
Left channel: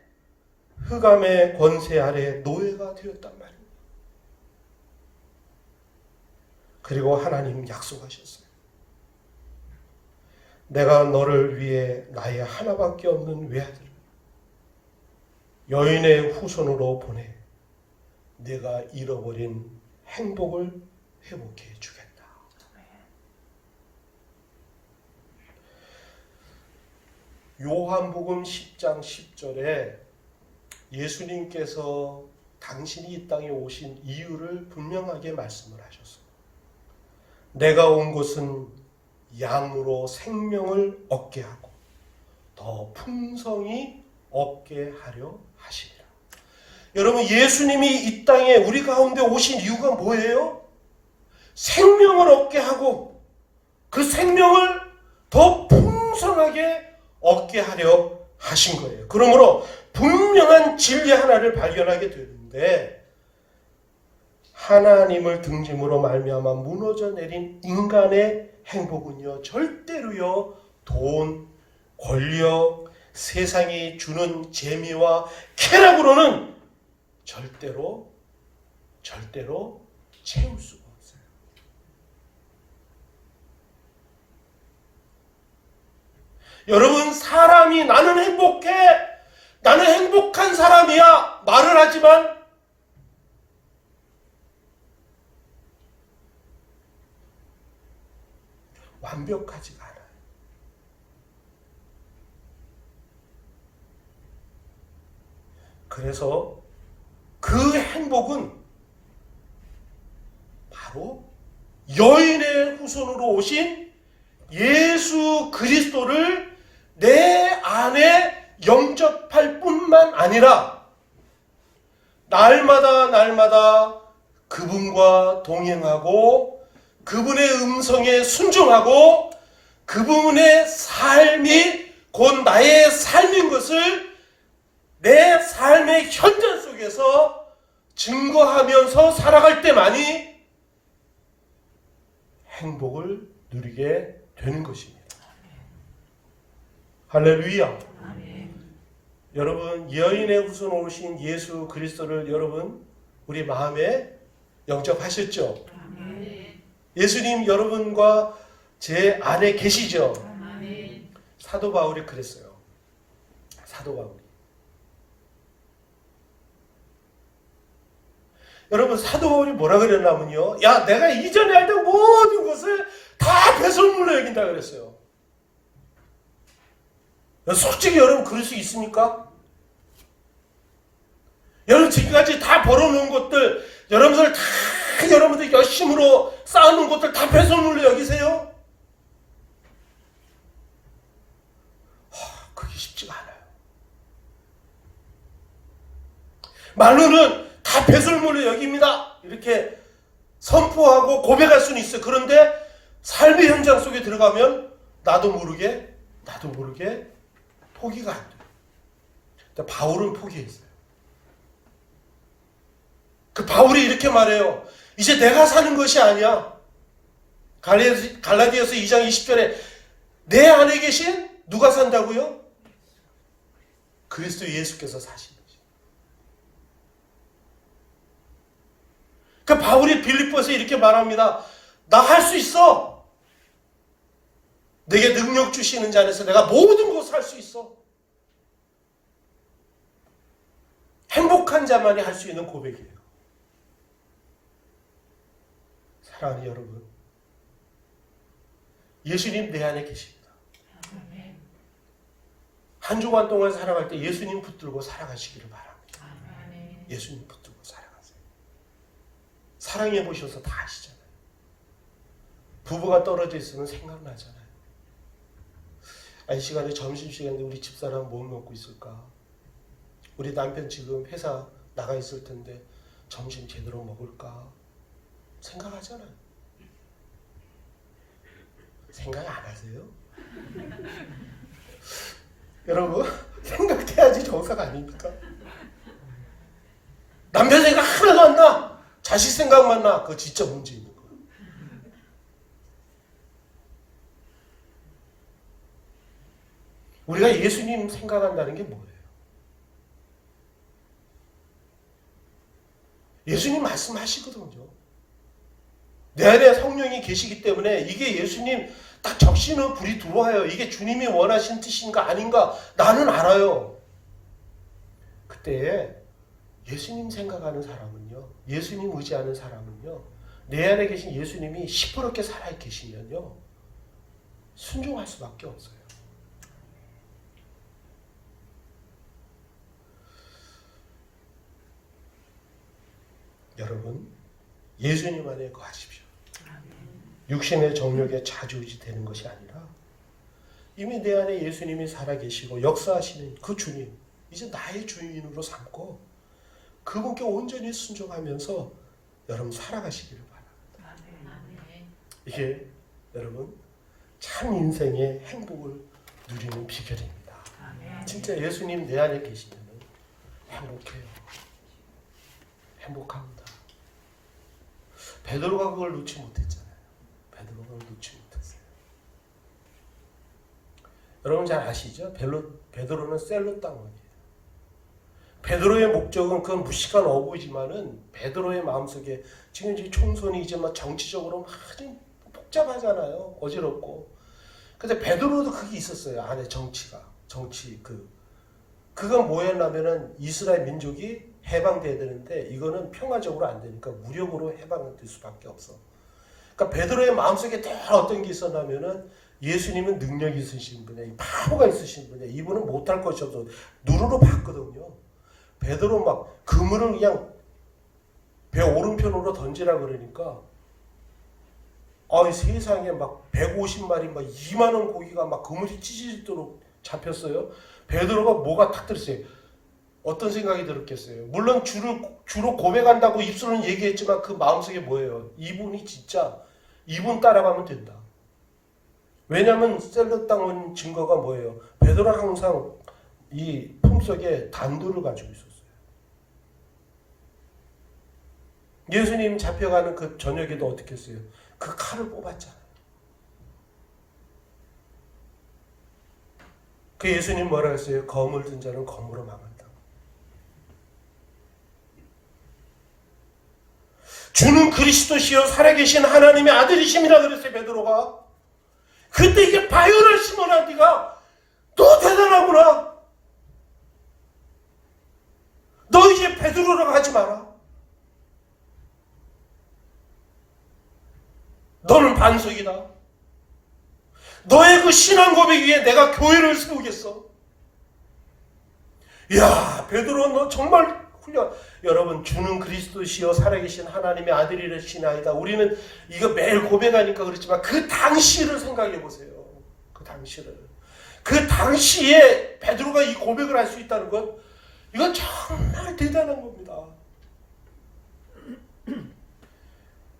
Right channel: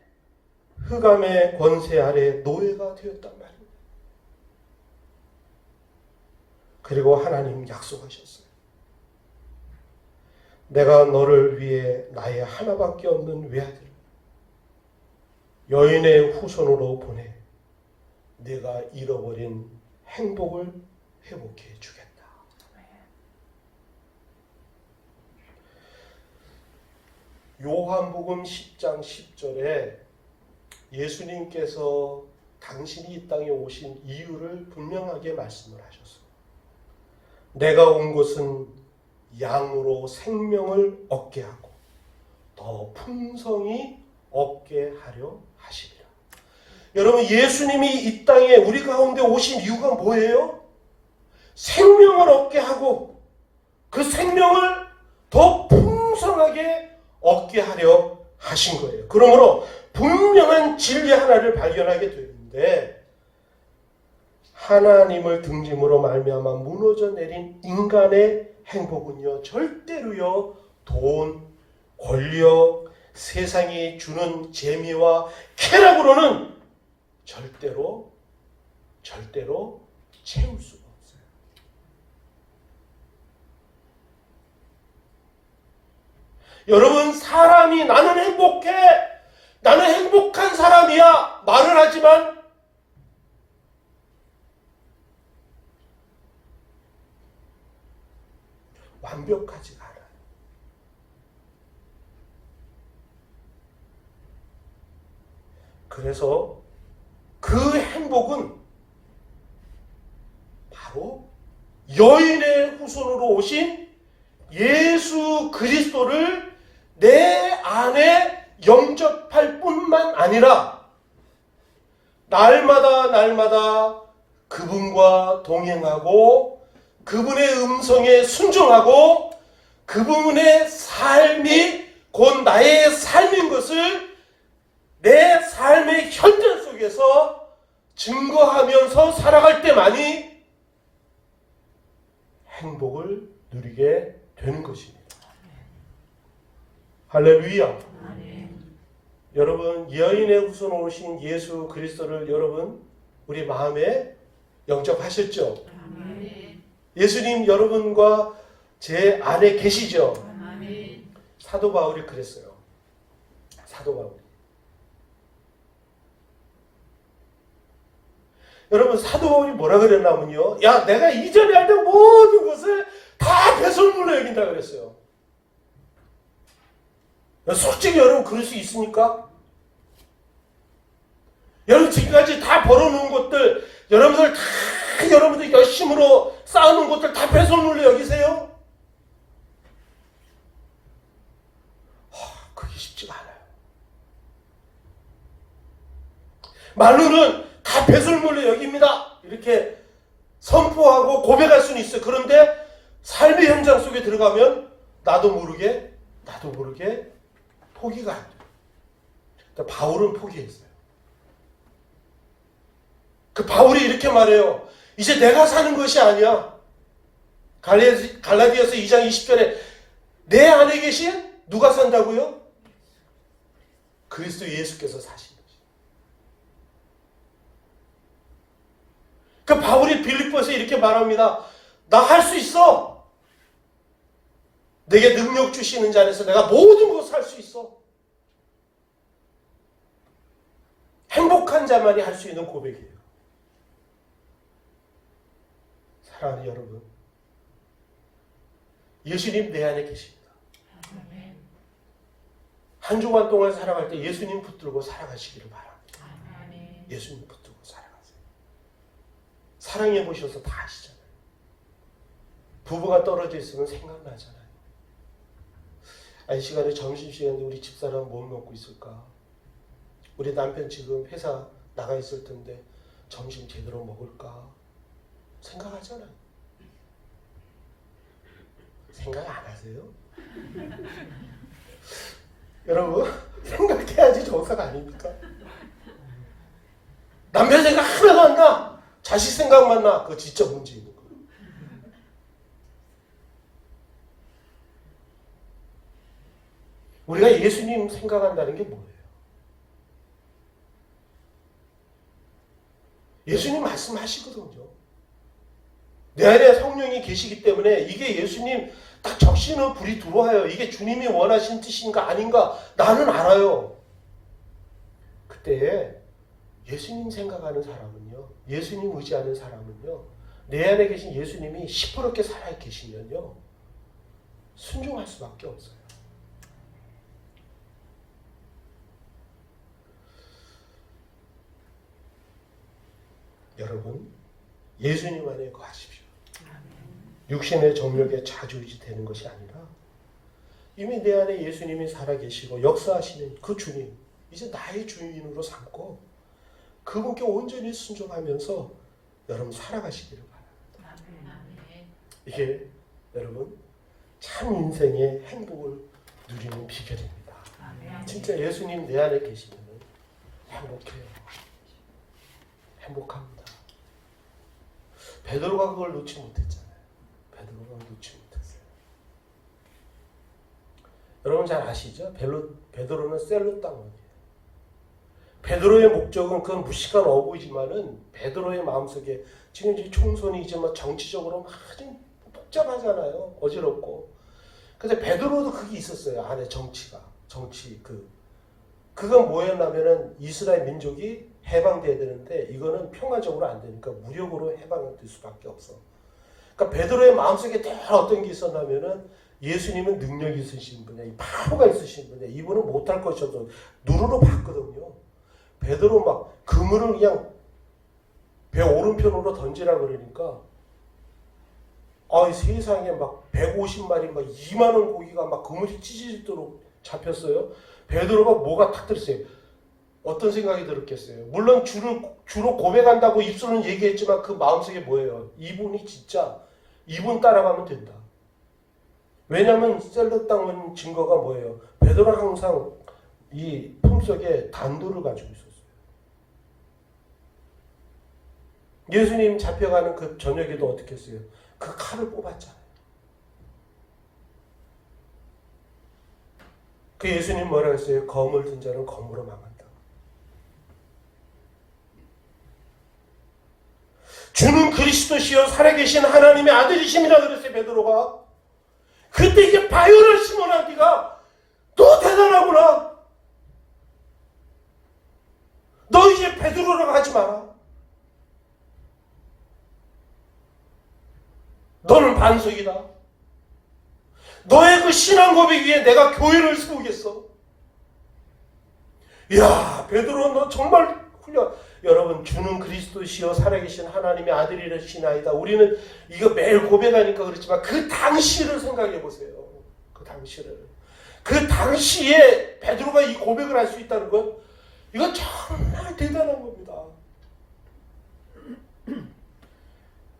흑암의 권세 아래 노예가 되었단 말이야? 그리고 하나님 약속하셨어요. 내가 너를 위해 나의 하나밖에 없는 외아들, 여인의 후손으로 보내 내가 잃어버린 행복을 회복해 주겠다. 요한복음 10장 10절에 예수님께서 당신이 이 땅에 오신 이유를 분명하게 말씀을 하셨어요. 내가 온 것은 양으로 생명을 얻게 하고 더 풍성히 얻게 하려 하시리라. 여러분, 예수님이 이 땅에 우리 가운데 오신 이유가 뭐예요? 생명을 얻게 하고 그 생명을 더 풍성하게 얻게 하려 하신 거예요. 그러므로 분명한 진리 하나를 발견하게 되는데, 하나님을 등짐으로 말미암아 무너져 내린 인간의 행복은요, 절대로요 돈, 권력, 세상이 주는 재미와 쾌락으로는 절대로 채울 수가 없어요. 여러분, 사람이 나는 행복해, 나는 행복한 사람이야 말을 하지만 완벽하지가 않아요. 그래서 그 행복은 바로 여인의 후손으로 오신 예수 그리스도를 내 안에 영접할 뿐만 아니라 날마다 그분과 동행하고 그분의 음성에 순종하고 그분의 삶이 곧 나의 삶인 것을 내 삶의 현장 속에서 증거하면서 살아갈 때만이 행복을 누리게 되는 것입니다. 할렐루야. 여러분, 여인의 후손으로 오신 예수 그리스도를 여러분 우리 마음에 영접하셨죠? 예수님 여러분과 제 안에 계시죠? 사도 바울이 그랬어요. 사도 바울이. 여러분, 사도 바울이 뭐라 그랬냐면요, 야, 내가 이전에 알던 모든 것을 다 배설물로 여긴다 그랬어요. 솔직히 여러분 그럴 수 있습니까? 여러분, 지금까지 다 벌어놓은 것들, 여러분들 열심으로 쌓아놓은 것들 다 배설물로 여기세요? 그게 쉽지가 않아요. 말로는 다 배설물로 여깁니다, 이렇게 선포하고 고백할 수는 있어요. 그런데 삶의 현장 속에 들어가면 나도 모르게 포기가 안 돼요. 근데 바울은 포기했어요. 그 바울이 이렇게 말해요. 이제 내가 사는 것이 아니야. 갈라디아서 2장 20절에 내 안에 계신 누가 산다고요? 그리스도 예수께서 사신 거지. 그 바울이 빌립보에서 이렇게 말합니다. 나 할 수 있어. 내게 능력 주시는 자 안에서 내가 모든 것을 할 수 있어. 행복한 자만이 할 수 있는 고백이에요. 사랑하는 여러분, 예수님 내 안에 계십니다. 한 주간 동안 살아갈 때 예수님 붙들고 살아가시기를 바랍니다. 예수님 붙들고 살아가세요. 사랑해 보셔서 다 아시잖아요. 부부가 떨어져 있으면 생각나잖아요. 이 시간에 점심시간에 우리 집사람 뭐 먹고 있을까? 우리 남편 지금 회사 나가 있을 텐데 점심 제대로 먹을까? 생각하잖아요. 생각 안 하세요? 여러분, 생각해야지 정사가 아닙니까? 남편 생각 하나도 안 나. 자식 생각만 나. 그거 진짜 문제 있는 거예요. 우리가 예수님 생각한다는 게 뭐예요? 예수님 말씀하시거든요. 내 안에 성령이 계시기 때문에 이게 예수님 딱 적시는 불이 들어와요. 이게 주님이 원하신 뜻인가 아닌가 나는 알아요. 그때 그때에 예수님 생각하는 사람은요, 예수님 의지하는 사람은요, 내 안에 계신 예수님이 시퍼렇게 살아 계시면요, 순종할 수밖에 없어요. 여러분, 예수님 안에 거하십시오. 육신의 정욕에 좌지우지 되는 것이 아니라 이미 내 안에 예수님이 살아계시고 역사하시는 그 주님, 이제 나의 주인으로 삼고 그분께 온전히 순종하면서 여러분 살아가시기를 바랍니다. 이게 여러분 참 인생의 행복을 누리는 비결입니다. 진짜 예수님 내 안에 계시면 행복해요. 행복합니다. 베드로가 그걸 놓지 못했잖아요. 베드로가 그걸 놓지 못했어요. 여러분 잘 아시죠? 베드로는 셀로 땅원이에요. 베드로의 목적은 그건 무식한 어부이지만은 베드로의 마음속에 지금 이제 총선이 이제 막 정치적으로 아주 복잡하잖아요. 어지럽고. 근데 베드로도 그게 있었어요. 안에 정치가. 그건 뭐였냐면은 이스라엘 민족이 해방돼야 되는데 이거는 평화적으로 안 되니까 무력으로 해방될 수밖에 없어. 그러니까 베드로의 마음속에 늘 어떤 게 있었냐면은 예수님은 능력이 있으신 분이야. 바보가 있으신 분이야. 이분은 못할 것이 없어. 누르러 봤거든요. 베드로 막 그물을 그냥 배 오른편으로 던지라 그러니까 세상에 막 150마리 막 2만원 고기가 막 그물이 찢어지도록 잡혔어요. 베드로가 뭐가 탁 들었어요. 어떤 생각이 들었겠어요. 물론 주로 고백한다고 입술은 얘기했지만 그 마음속에 뭐예요. 이분 따라가면 된다. 왜냐하면 셀로 땅은 증거가 뭐예요. 베드로는 항상 이 품속에 단도를 가지고 있었어요. 예수님 잡혀가는 그 저녁에도 어떻게 했어요? 그 칼을 뽑았잖아요. 그 예수님 뭐라 했어요? 검을 든 자는 검으로 망한다. 주는 그리스도시요 살아계신 하나님의 아들이심이라 그랬어요. 베드로가. 그때 이게 바요를 시몬아 네가 너 대단하구나. 너 이제 베드로라고 하지 마라. 너는 반석이다. 너의 그 신앙 고백 위에 내가 교회를 세우겠어. 이야, 베드로 너 정말 훌륭. 여러분, 주는 그리스도시요 살아계신 하나님의 아들이시나이다. 우리는 이거 매일 고백하니까 그렇지만 그 당시를 생각해 보세요. 그 당시를. 그 당시에 베드로가 이 고백을 할 수 있다는 것, 이건 정말 대단한 겁니다.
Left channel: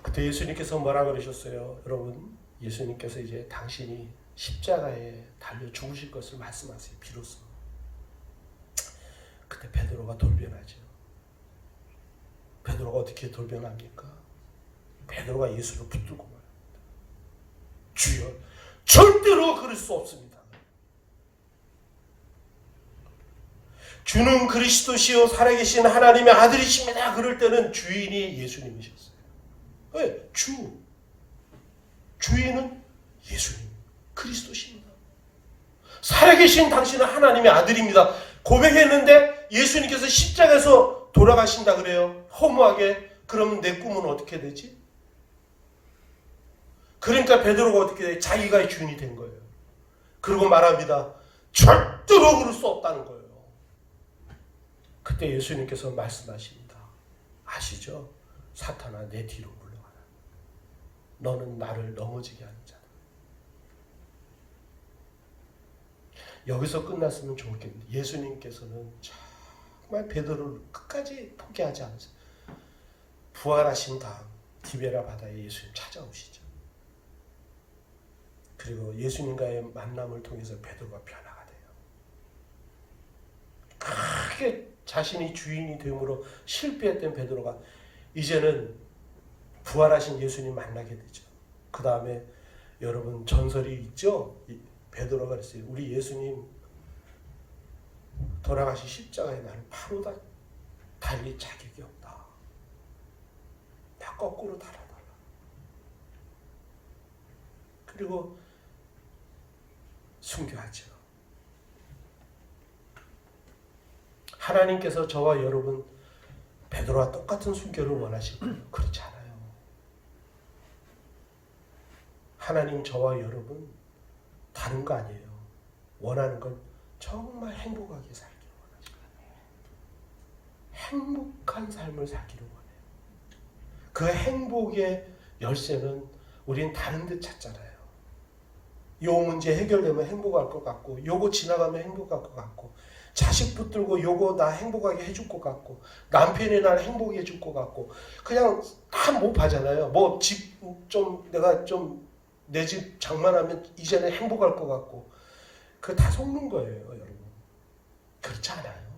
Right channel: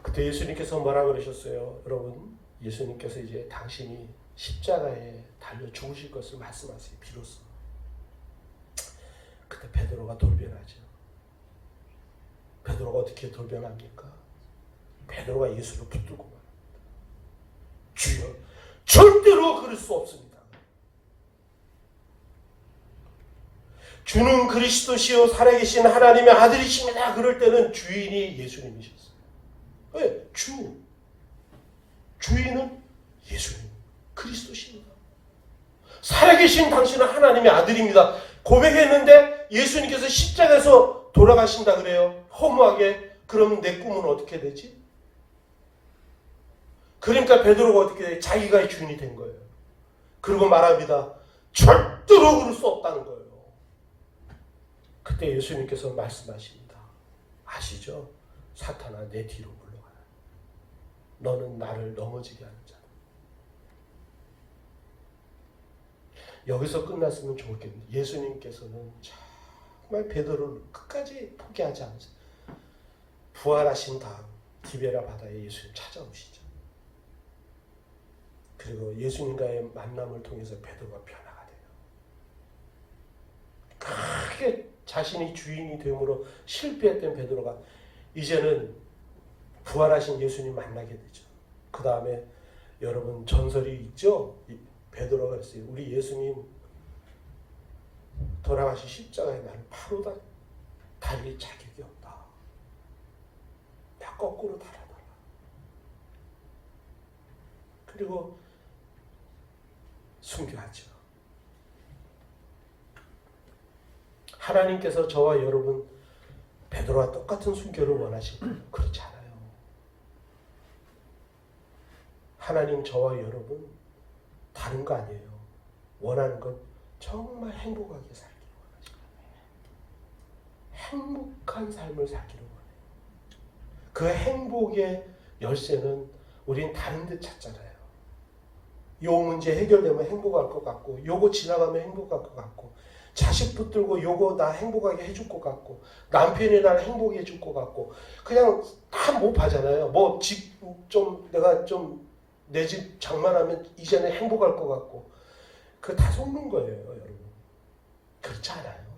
그때 예수님께서 뭐라 그러셨어요? 여러분, 예수님께서 이제 당신이 십자가에 달려 죽으실 것을 말씀하세요. 비로소. 그때 베드로가 돌변하죠. 베드로가 어떻게 돌변합니까? 베드로가 예수를 붙들고 말합니다. 주여, 절대로 그럴 수 없습니다. 주는 그리스도시요 살아계신 하나님의 아들이십니다. 그럴 때는 주인이 예수님이셨어요. 왜? 주인은 예수님, 그리스도십니다. 살아계신 당신은 하나님의 아들입니다. 고백했는데 예수님께서 십자가에서 돌아가신다 그래요. 허무하게. 그러면 내 꿈은 어떻게 되지? 그러니까 베드로가 어떻게 돼? 자기가 주인이 된 거예요. 그리고 말합니다. 절대로 그럴 수 없다는 거예요. 그때 예수님께서 말씀하십니다. 아시죠? 사탄아 내 뒤로 물러가라. 너는 나를 넘어지게 하는 자다. 여기서 끝났으면 좋겠는데 예수님께서는 정말 베드로를 끝까지 포기하지 않으세요. 부활하신 다음 디베라 바다에 예수님 찾아오시죠. 그리고 예수님과의 만남을 통해서 베드로가 변화가 돼요. 크게 자신이 주인이 되므로 실패했던 베드로가 이제는 부활하신 예수님 만나게 되죠. 그 다음에 여러분 전설이 있죠. 베드로가 그랬어요. 우리 예수님 돌아가신 십자가에 나는 바로 달릴 자격이 없다. 다 거꾸로 달아달라. 그리고 순교하죠. 하나님께서 저와 여러분 베드로와 똑같은 순결을 원하시고 그렇지 않아요. 하나님 저와 여러분 다른 거 아니에요. 원하는 건 정말 행복하게 살기를 원하시고 행복한 삶을 살기를 원해요. 그 행복의 열쇠는 우린 다른 데 찾잖아요. 요 문제 해결되면 행복할 것 같고, 요거 지나가면 행복할 것 같고, 자식 붙들고 요거 나 행복하게 해줄 것 같고, 남편이 날 행복해 줄 것 같고, 그냥 다 못하잖아요. 뭐 집 좀 내가 좀 내 집 장만하면 이제는 행복할 것 같고, 그거 다 속는 거예요, 여러분. 그렇지 않아요.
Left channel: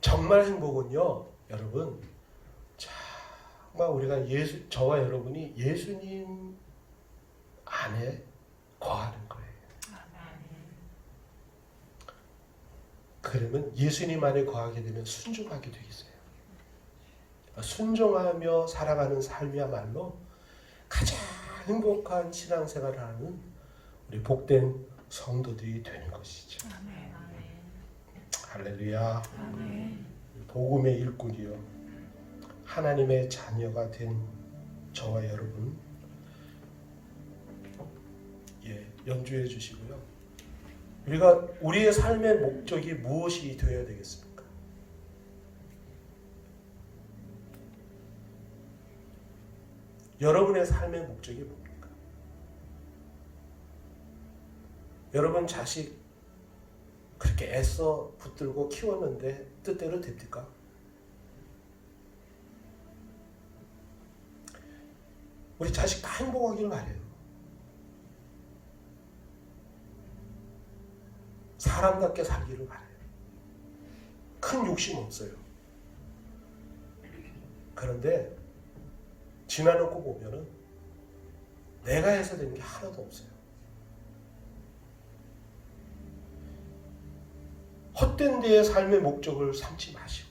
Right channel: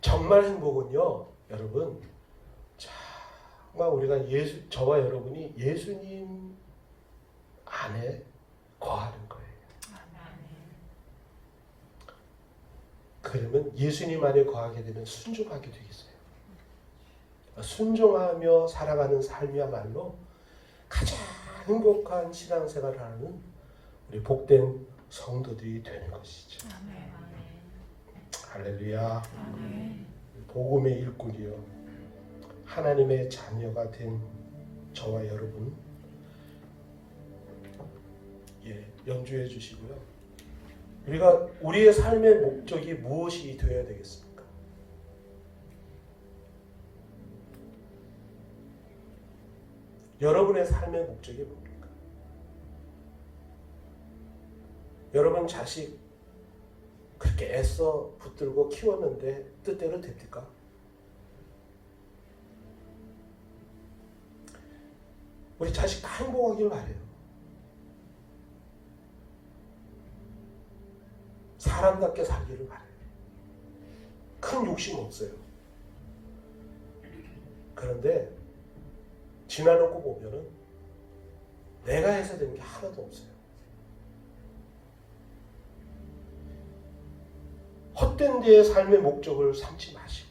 정말 행복은요, 여러분, 정말 우리가 저와 여러분이 예수님 안에 거하는 거예요. 그러면 예수님 안에 거하게 되면 순종하게 되겠어요. 순종하며 살아가는 삶이야말로 가장 행복한 신앙생활을 하는 우리 복된 성도들이 되는 것이죠. 아멘. 할렐루야. 아멘. 복음의 일꾼이요, 하나님의 자녀가 된 저와 여러분, 연주해 주시고요. 우리의 삶의 목적이 무엇이 되어야 되겠습니까? 여러분의 삶의 목적이 뭡니까? 여러분 자식 그렇게 애써 붙들고 키웠는데 뜻대로 됩니까? 우리 자식 다 행복하길 바래요. 사람답게 살기를 바래요. 큰 욕심 없어요. 그런데 지나놓고 보면은 내가 해서 되는 게 하나도 없어요. 헛된 데에 삶의 목적을 삼지 마시고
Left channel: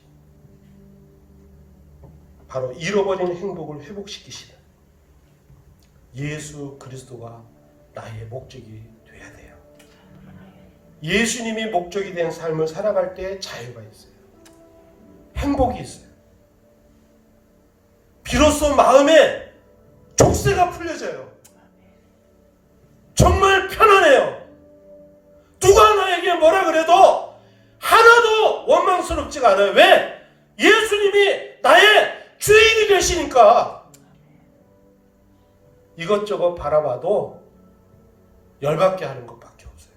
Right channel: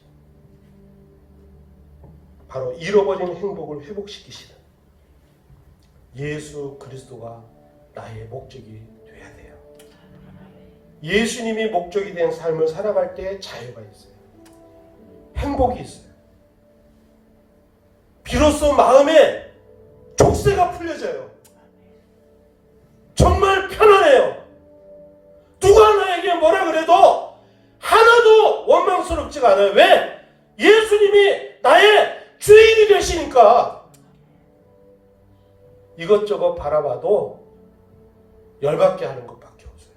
바로 잃어버린 행복을 회복시키시는 예수 그리스도가 나의 목적이 돼야 돼요. 예수님이 목적이 된 삶을 살아갈 때 자유가 있어요. 행복이 있어요. 비로소 마음에 족쇄가 풀려져요. 정말 편안해요. 누가 나에게 뭐라 그래도 하나도 원망스럽지가 않아요. 왜? 예수님이 나의 주인이 되시니까. 이것저것 바라봐도 열받게 하는 것밖에 없어요.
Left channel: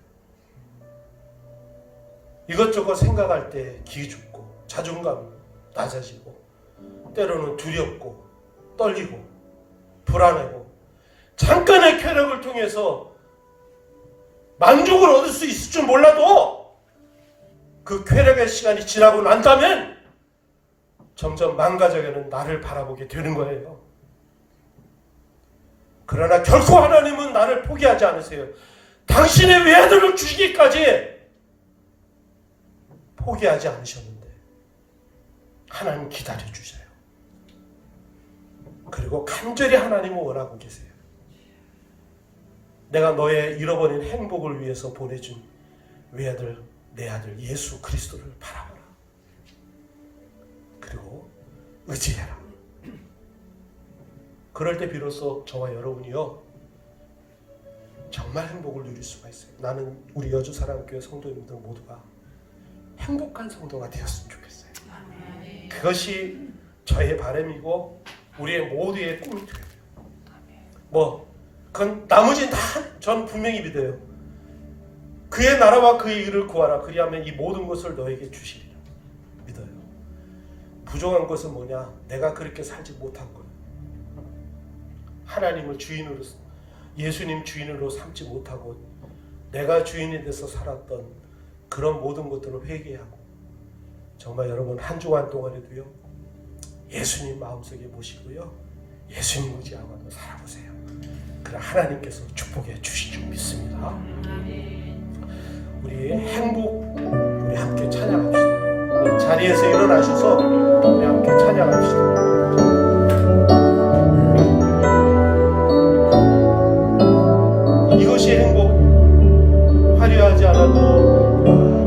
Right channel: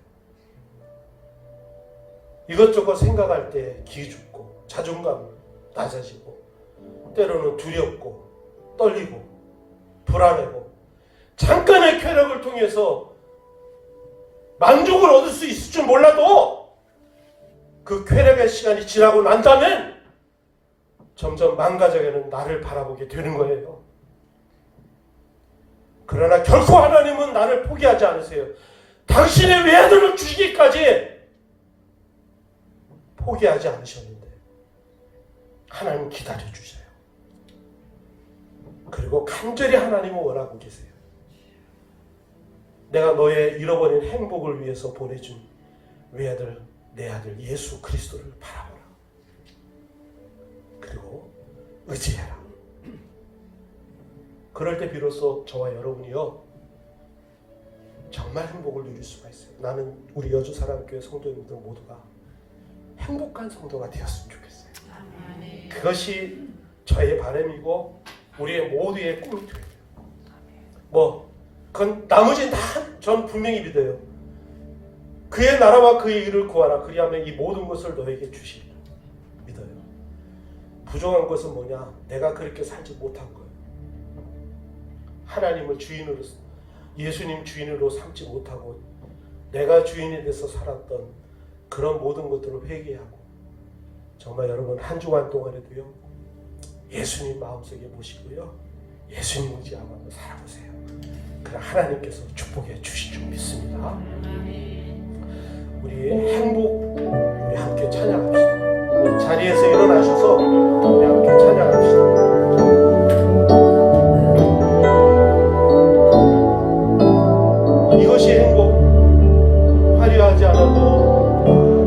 이것저것 생각할 때 기죽고 자존감 낮아지고 때로는 두렵고 떨리고 불안하고 잠깐의 쾌락을 통해서 만족을 얻을 수 있을 줄 몰라도 그 쾌락의 시간이 지나고 난다면 점점 망가져가는 나를 바라보게 되는 거예요. 그러나 결코 하나님은 나를 포기하지 않으세요. 당신의 외아들을 주시기까지 포기하지 않으셨는데 하나님 기다려주세요. 그리고 간절히 하나님을 원하고 계세요. 내가 너의 잃어버린 행복을 위해서 보내준 외아들, 내 아들 예수 그리스도를 바라보라. 그리고 의지해라. 그럴 때 비로소 저와 여러분이요 정말 행복을 누릴 수가 있어요. 나는 우리 여주사랑교회 성도님들 모두가 행복한 성도가 되었으면 좋겠어요. 그것이 저의 바람이고 우리의 모두의 꿈이 돼요. 그건 나머지는 다 전 분명히 믿어요. 그의 나라와 그의 일을 구하라. 그리하면 이 모든 것을 너에게 주시리라. 믿어요. 부족한 것은 뭐냐? 내가 그렇게 살지 못한 거예요. 하나님을 주인으로, 예수님 주인으로 삼지 못하고 내가 주인이 돼서 살았던 그런 모든 것들을 회개하고 정말 여러분 한 주간 동안에도요 예수님 마음속에 모시고요 예수님 의지하고 살아보세요. 그럼 하나님께서 축복해 주실 줄 믿습니다. 우리 행복 우리 함께 찬양합시다. 자리에서 일어나셔서 우리 함께 찬양합시다. 이것이 행복, 화려하지 않아도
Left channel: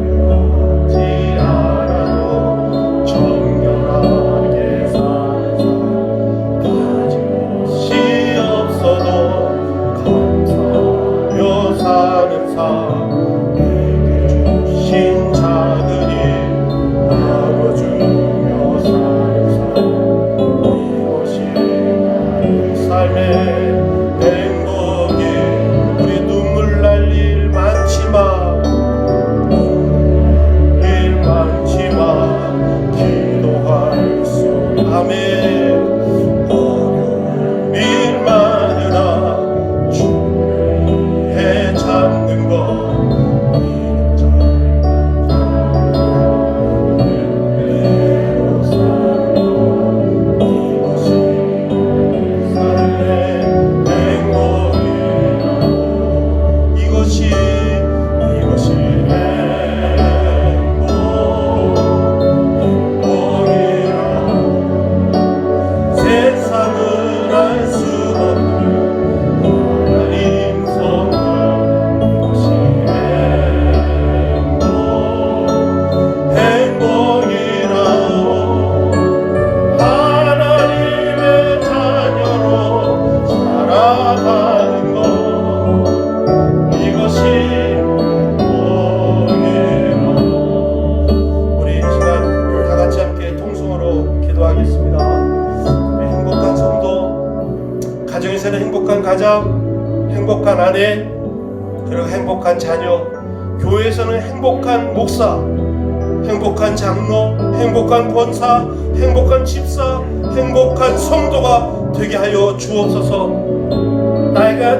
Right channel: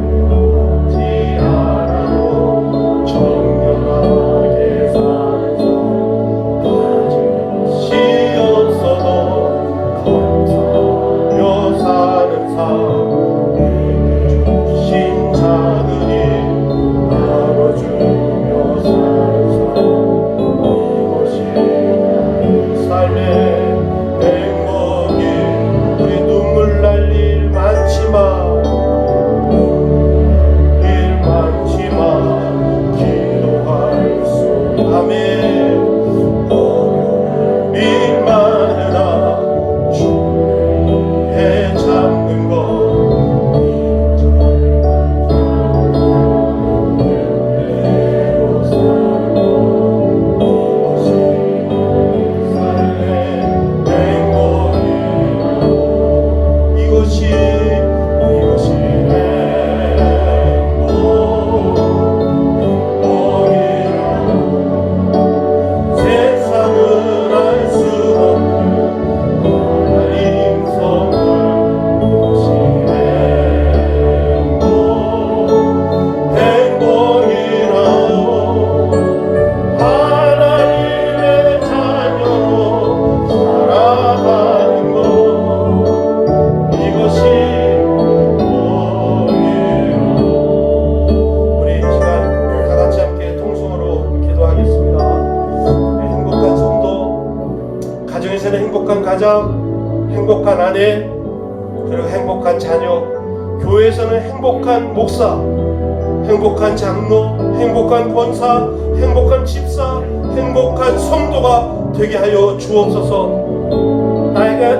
행복한 장로, 행복한 권사, 행복한 집사, 행복한 성도가 되게 하여 주옵소서.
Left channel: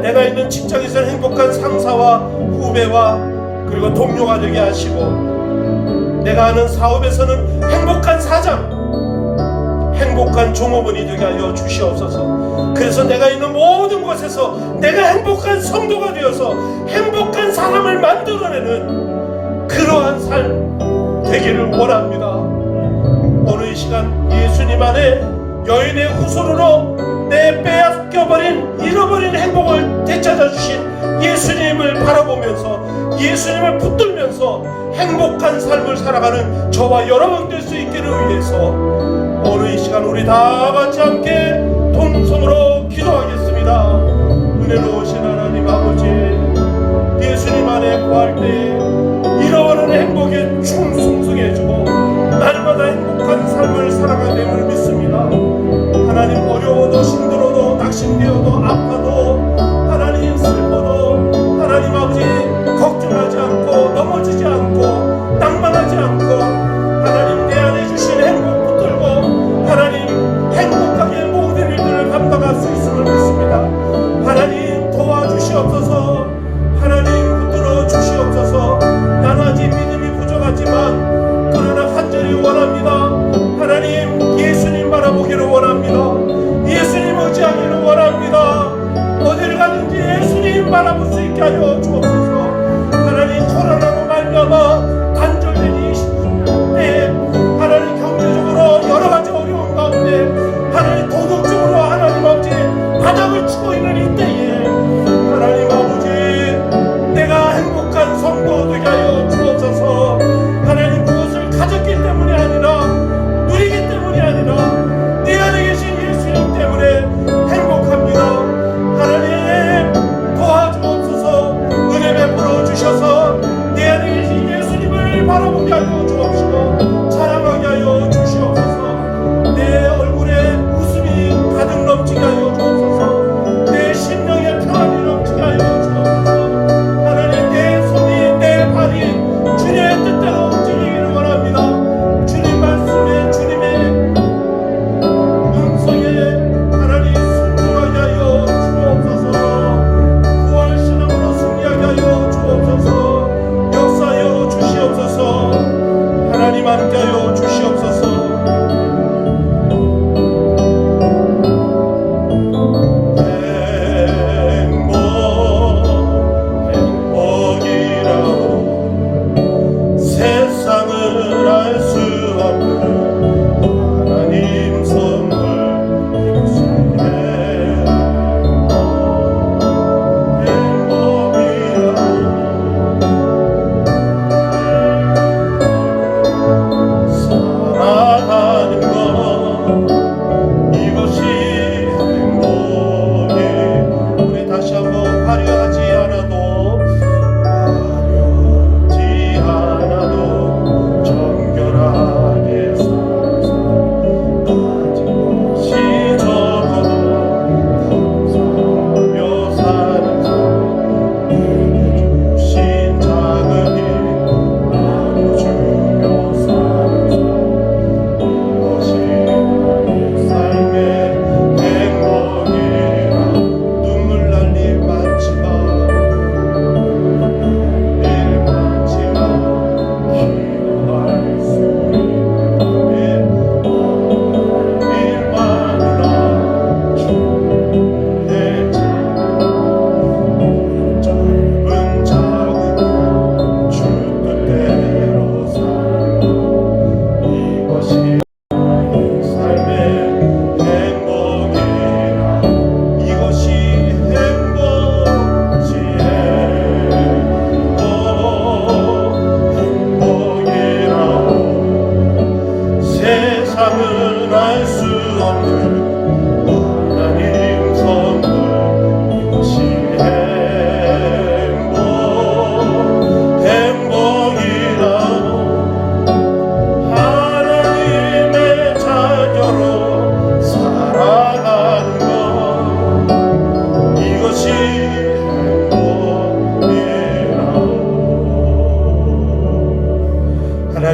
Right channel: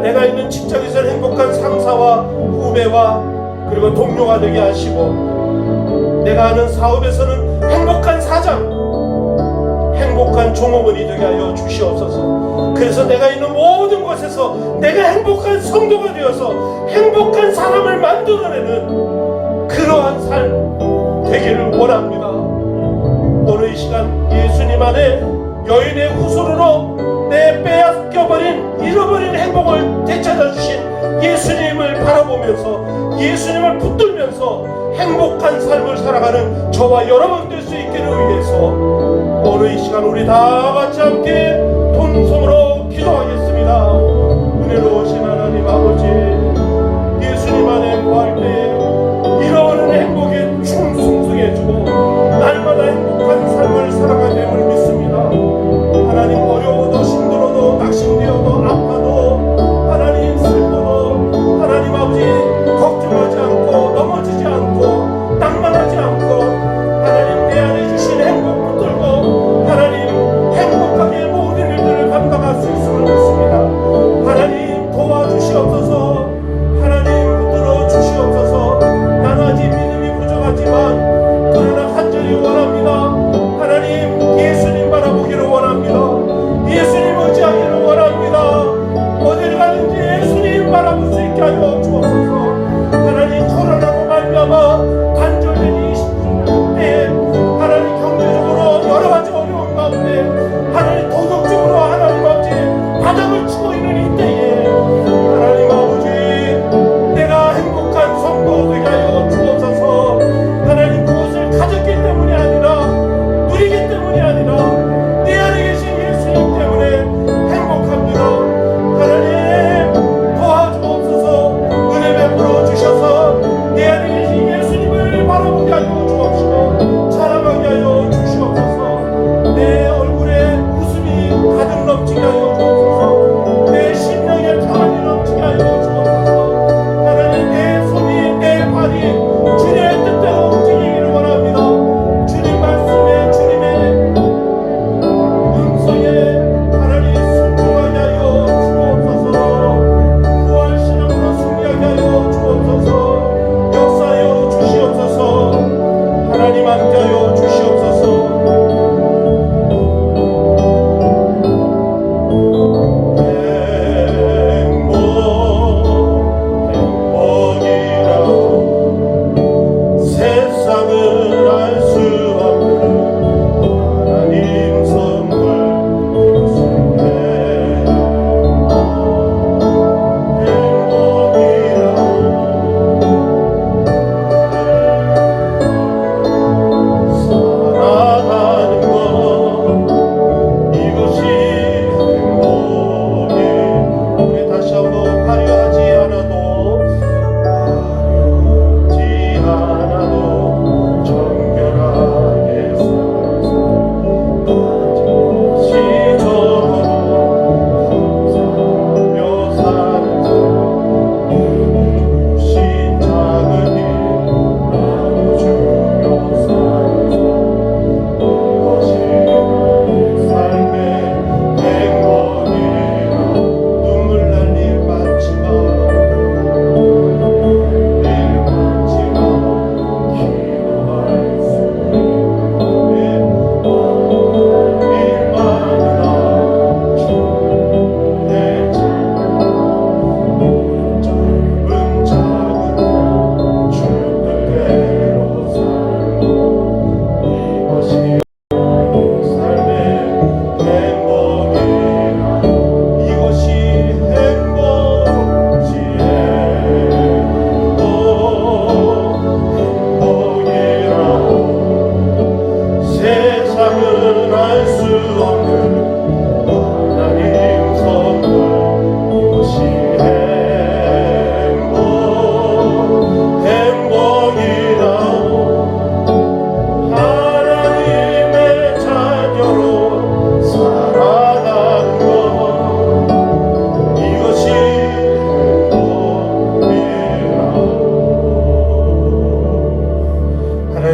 내가 있는 직장에서 행복한 상사와 후배와 그리고 동료가 되게 하시고, 내가 하는 사업에서는 행복한 사장, 행복한 종업원이 되게 하여 주시옵소서. 그래서 내가 있는 모든 곳에서 내가 행복한 성도가 되어서 행복한 사람을 만들어내는 그러한 삶 되기를 원합니다. 오늘 이 시간 예수님 안에 여인의 후손으로 내 빼앗겨버린 잃어버린 행복을 되찾아주신 예수님을 바라보면서 예수님을 붙들면서 행복한 삶을 살아가는 저와 여러분 될 수 있기를 위해서 오늘 이 시간 우리 다 같이 함께 통성으로 기도하겠습니다. 은혜로우신 하나님 아버지, 예수님 안에 구할 때에 잃어버린 행복에 충성해주고 날마다 행복한 삶을 살아가야 됨을 믿습니다. 하나님, 어려워도 힘들어도 낙심되어도 아파도 하나님 슬퍼도 하나님 아버지 걱정하지 않고 넘어지지 않고 낭만하지 않고 하나님 내 안에 주신 행복 붙들고 하나님 행복하게 모든 일들을 감당할 수 있음을 믿습니다. 하나님 도와주시옵소서. 하나님 붙들어 주시옵소서. 나는 아직 믿음이 부족하지만 그러나 간절히 원합니다. 하나님 예수님 바라보기를 원합니다. 예수님 의지하기를 원합니다. 어디를 가든지 예수님 바라볼 수 있게 하여 주옵소서. 하나님 코로나로 말미암아 단절된 이 때에 하나님 경제적으로 여러 가지 어려운 가운데 하나님 도덕적으로 하나님 아버지 바닥을 치고 있는 이 때에 하나님 아버지 내가 행복한 성도 되게 하여 주옵소서. 하나님 그것을 가졌기 때문이 아니라 누리기 때문이 아니라 내 안에 계신 예수님 때문에 행복합니다. 하나님 도와주옵소서. 은혜 베풀어 주셔서 내 안에 계신 예수님을 바라보게 하여 주옵시고 사랑하게 하여 주시옵소서. 내 얼굴에 웃음이 가득 넘치게 하여 주옵소서. 내 심령에 평안이 넘치게 하여 주옵소서. 하나님 내 손이 내 발이 주님의 뜻대로 움직이기를 원합니다. 주님 말씀에 주님의 음성에 하나님 순종하게 하여 주옵소서. 부활신앙으로 승리하게 하여 주옵소서. 역사하여 주시옵소서. 하나님 함께하여 주시옵소서. 행복이라 세상을 알 수 없는 하나님 선물 주시네. 행복이라 살아가는 것 이것이 행복이. 우리 다시 한번 화려하지 않아도 화려하지 않아도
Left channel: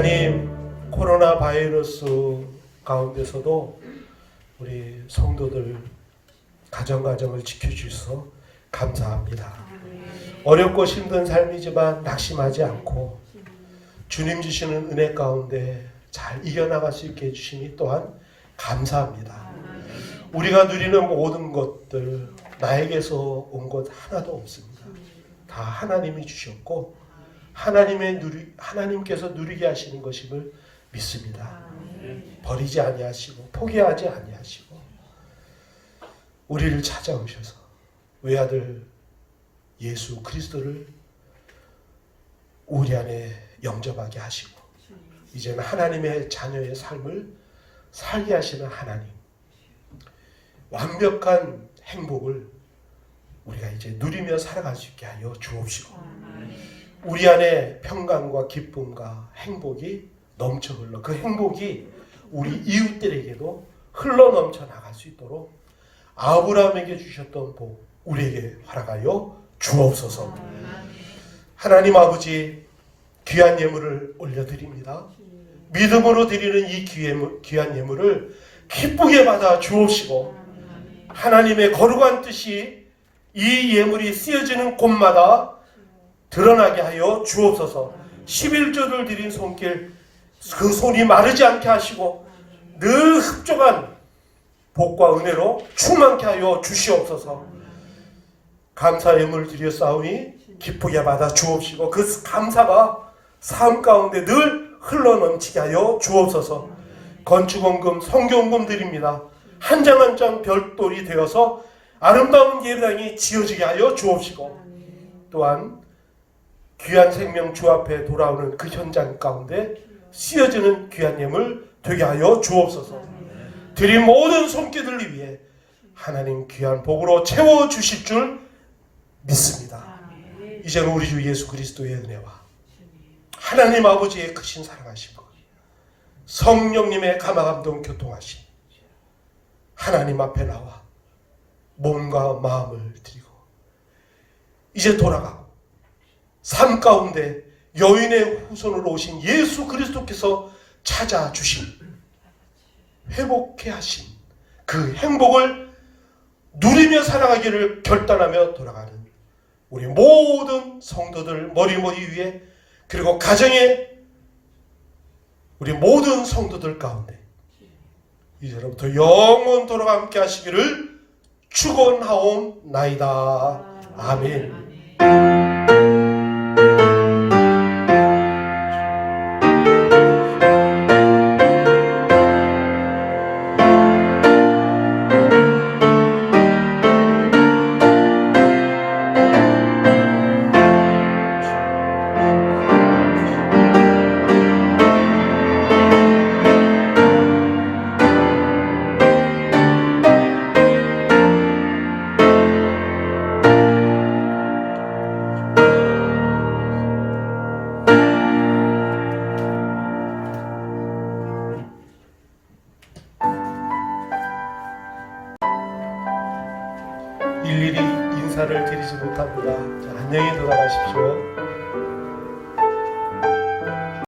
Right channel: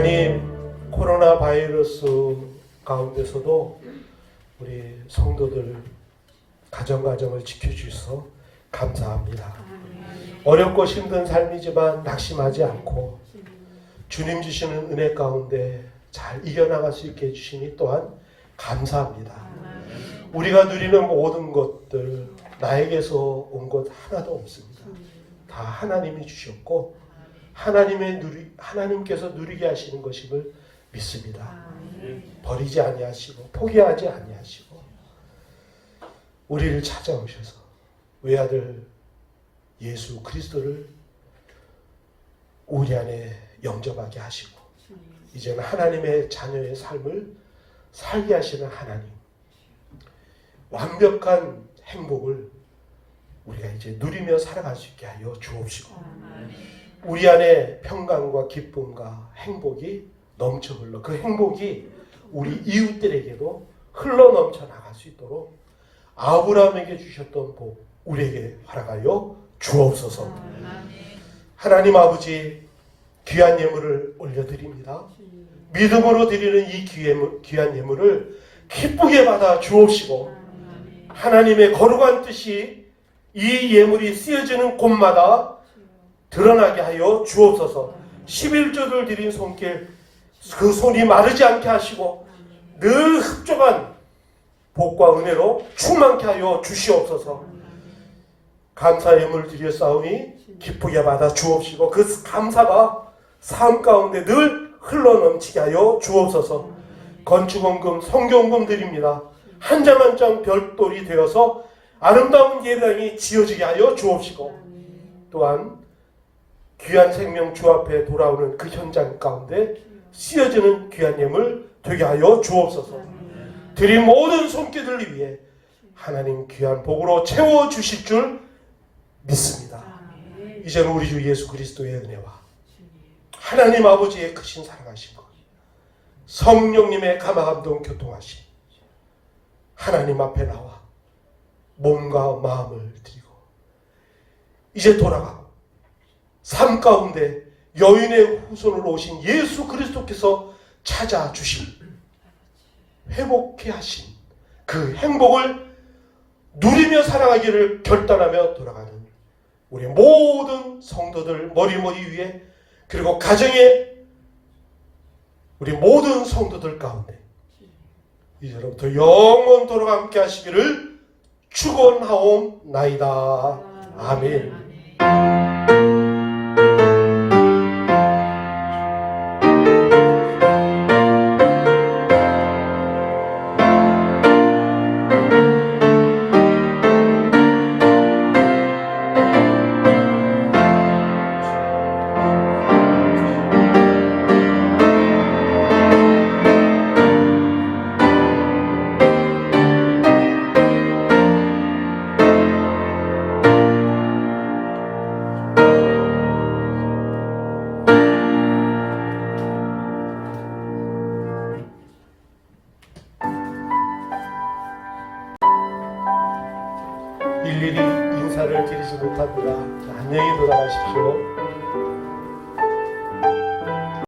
하나님, 코로나 바이러스 가운데서도 우리 성도들 가정을 지켜주셔서 감사합니다. 어렵고 힘든 삶이지만 낙심하지 않고 주님 주시는 은혜 가운데 잘 이겨나갈 수 있게 해주시니 또한 감사합니다. 우리가 누리는 모든 것들 나에게서 온 것 하나도 없습니다. 다 하나님이 주셨고 하나님께서 누리게 하시는 것임을 믿습니다. 버리지 아니하시고 포기하지 아니하시고 우리를 찾아오셔서 외아들 예수 그리스도를 우리 안에 영접하게 하시고 이제는 하나님의 자녀의 삶을 살게 하시는 하나님, 완벽한 행복을 우리가 이제 누리며 살아갈 수 있게 하여 주옵시고 우리 안에 평강과 기쁨과 행복이 넘쳐 흘러 그 행복이 우리 이웃들에게도 흘러 넘쳐 나갈 수 있도록 아브라함에게 주셨던 복 우리에게 허락하여 주옵소서. 하나님 아버지, 귀한 예물을 올려드립니다. 믿음으로 드리는 이 귀한 예물을 기쁘게 받아 주옵시고 하나님의 거룩한 뜻이 이 예물이 쓰여지는 곳마다 드러나게 하여 주옵소서. 11조를 드린 손길 그 손이 마르지 않게 하시고 늘 흡족한 복과 은혜로 충만케 하여 주시옵소서. 감사 예물을 드렸사오니 기쁘게 받아 주옵시고 그 감사가 삶 가운데 늘 흘러넘치게 하여 주옵소서. 건축원금, 성경금 드립니다. 한 장 한 장 별돌이 되어서 아름다운 예배당이 지어지게 하여 주옵시고 또한 귀한 생명 주 앞에 돌아오는 그 현장 가운데 쓰여지는 귀한 예물 되게 하여 주옵소서. 드린 모든 손길을 위해 하나님 귀한 복으로 채워주실 줄 믿습니다. 이제는 우리 주 예수 그리스도의 은혜와 하나님 아버지의 크신 사랑하심과 성령님의 감화감동 교통하심 하나님 앞에 나와 몸과 마음을 드리고 이제 돌아가 삶 가운데 여인의 후손으로 오신 예수 그리스도께서 찾아주신 회복해 하신 그 행복을 누리며 살아가기를 결단하며 돌아가는 우리 모든 성도들 머리머리 위에 그리고 가정의 우리 모든 성도들 가운데 이제로부터 영원토록 함께 하시기를 축원하옵나이다. 아멘. 일일이 인사를 드리지 못합니다. 안녕히 돌아가십시오.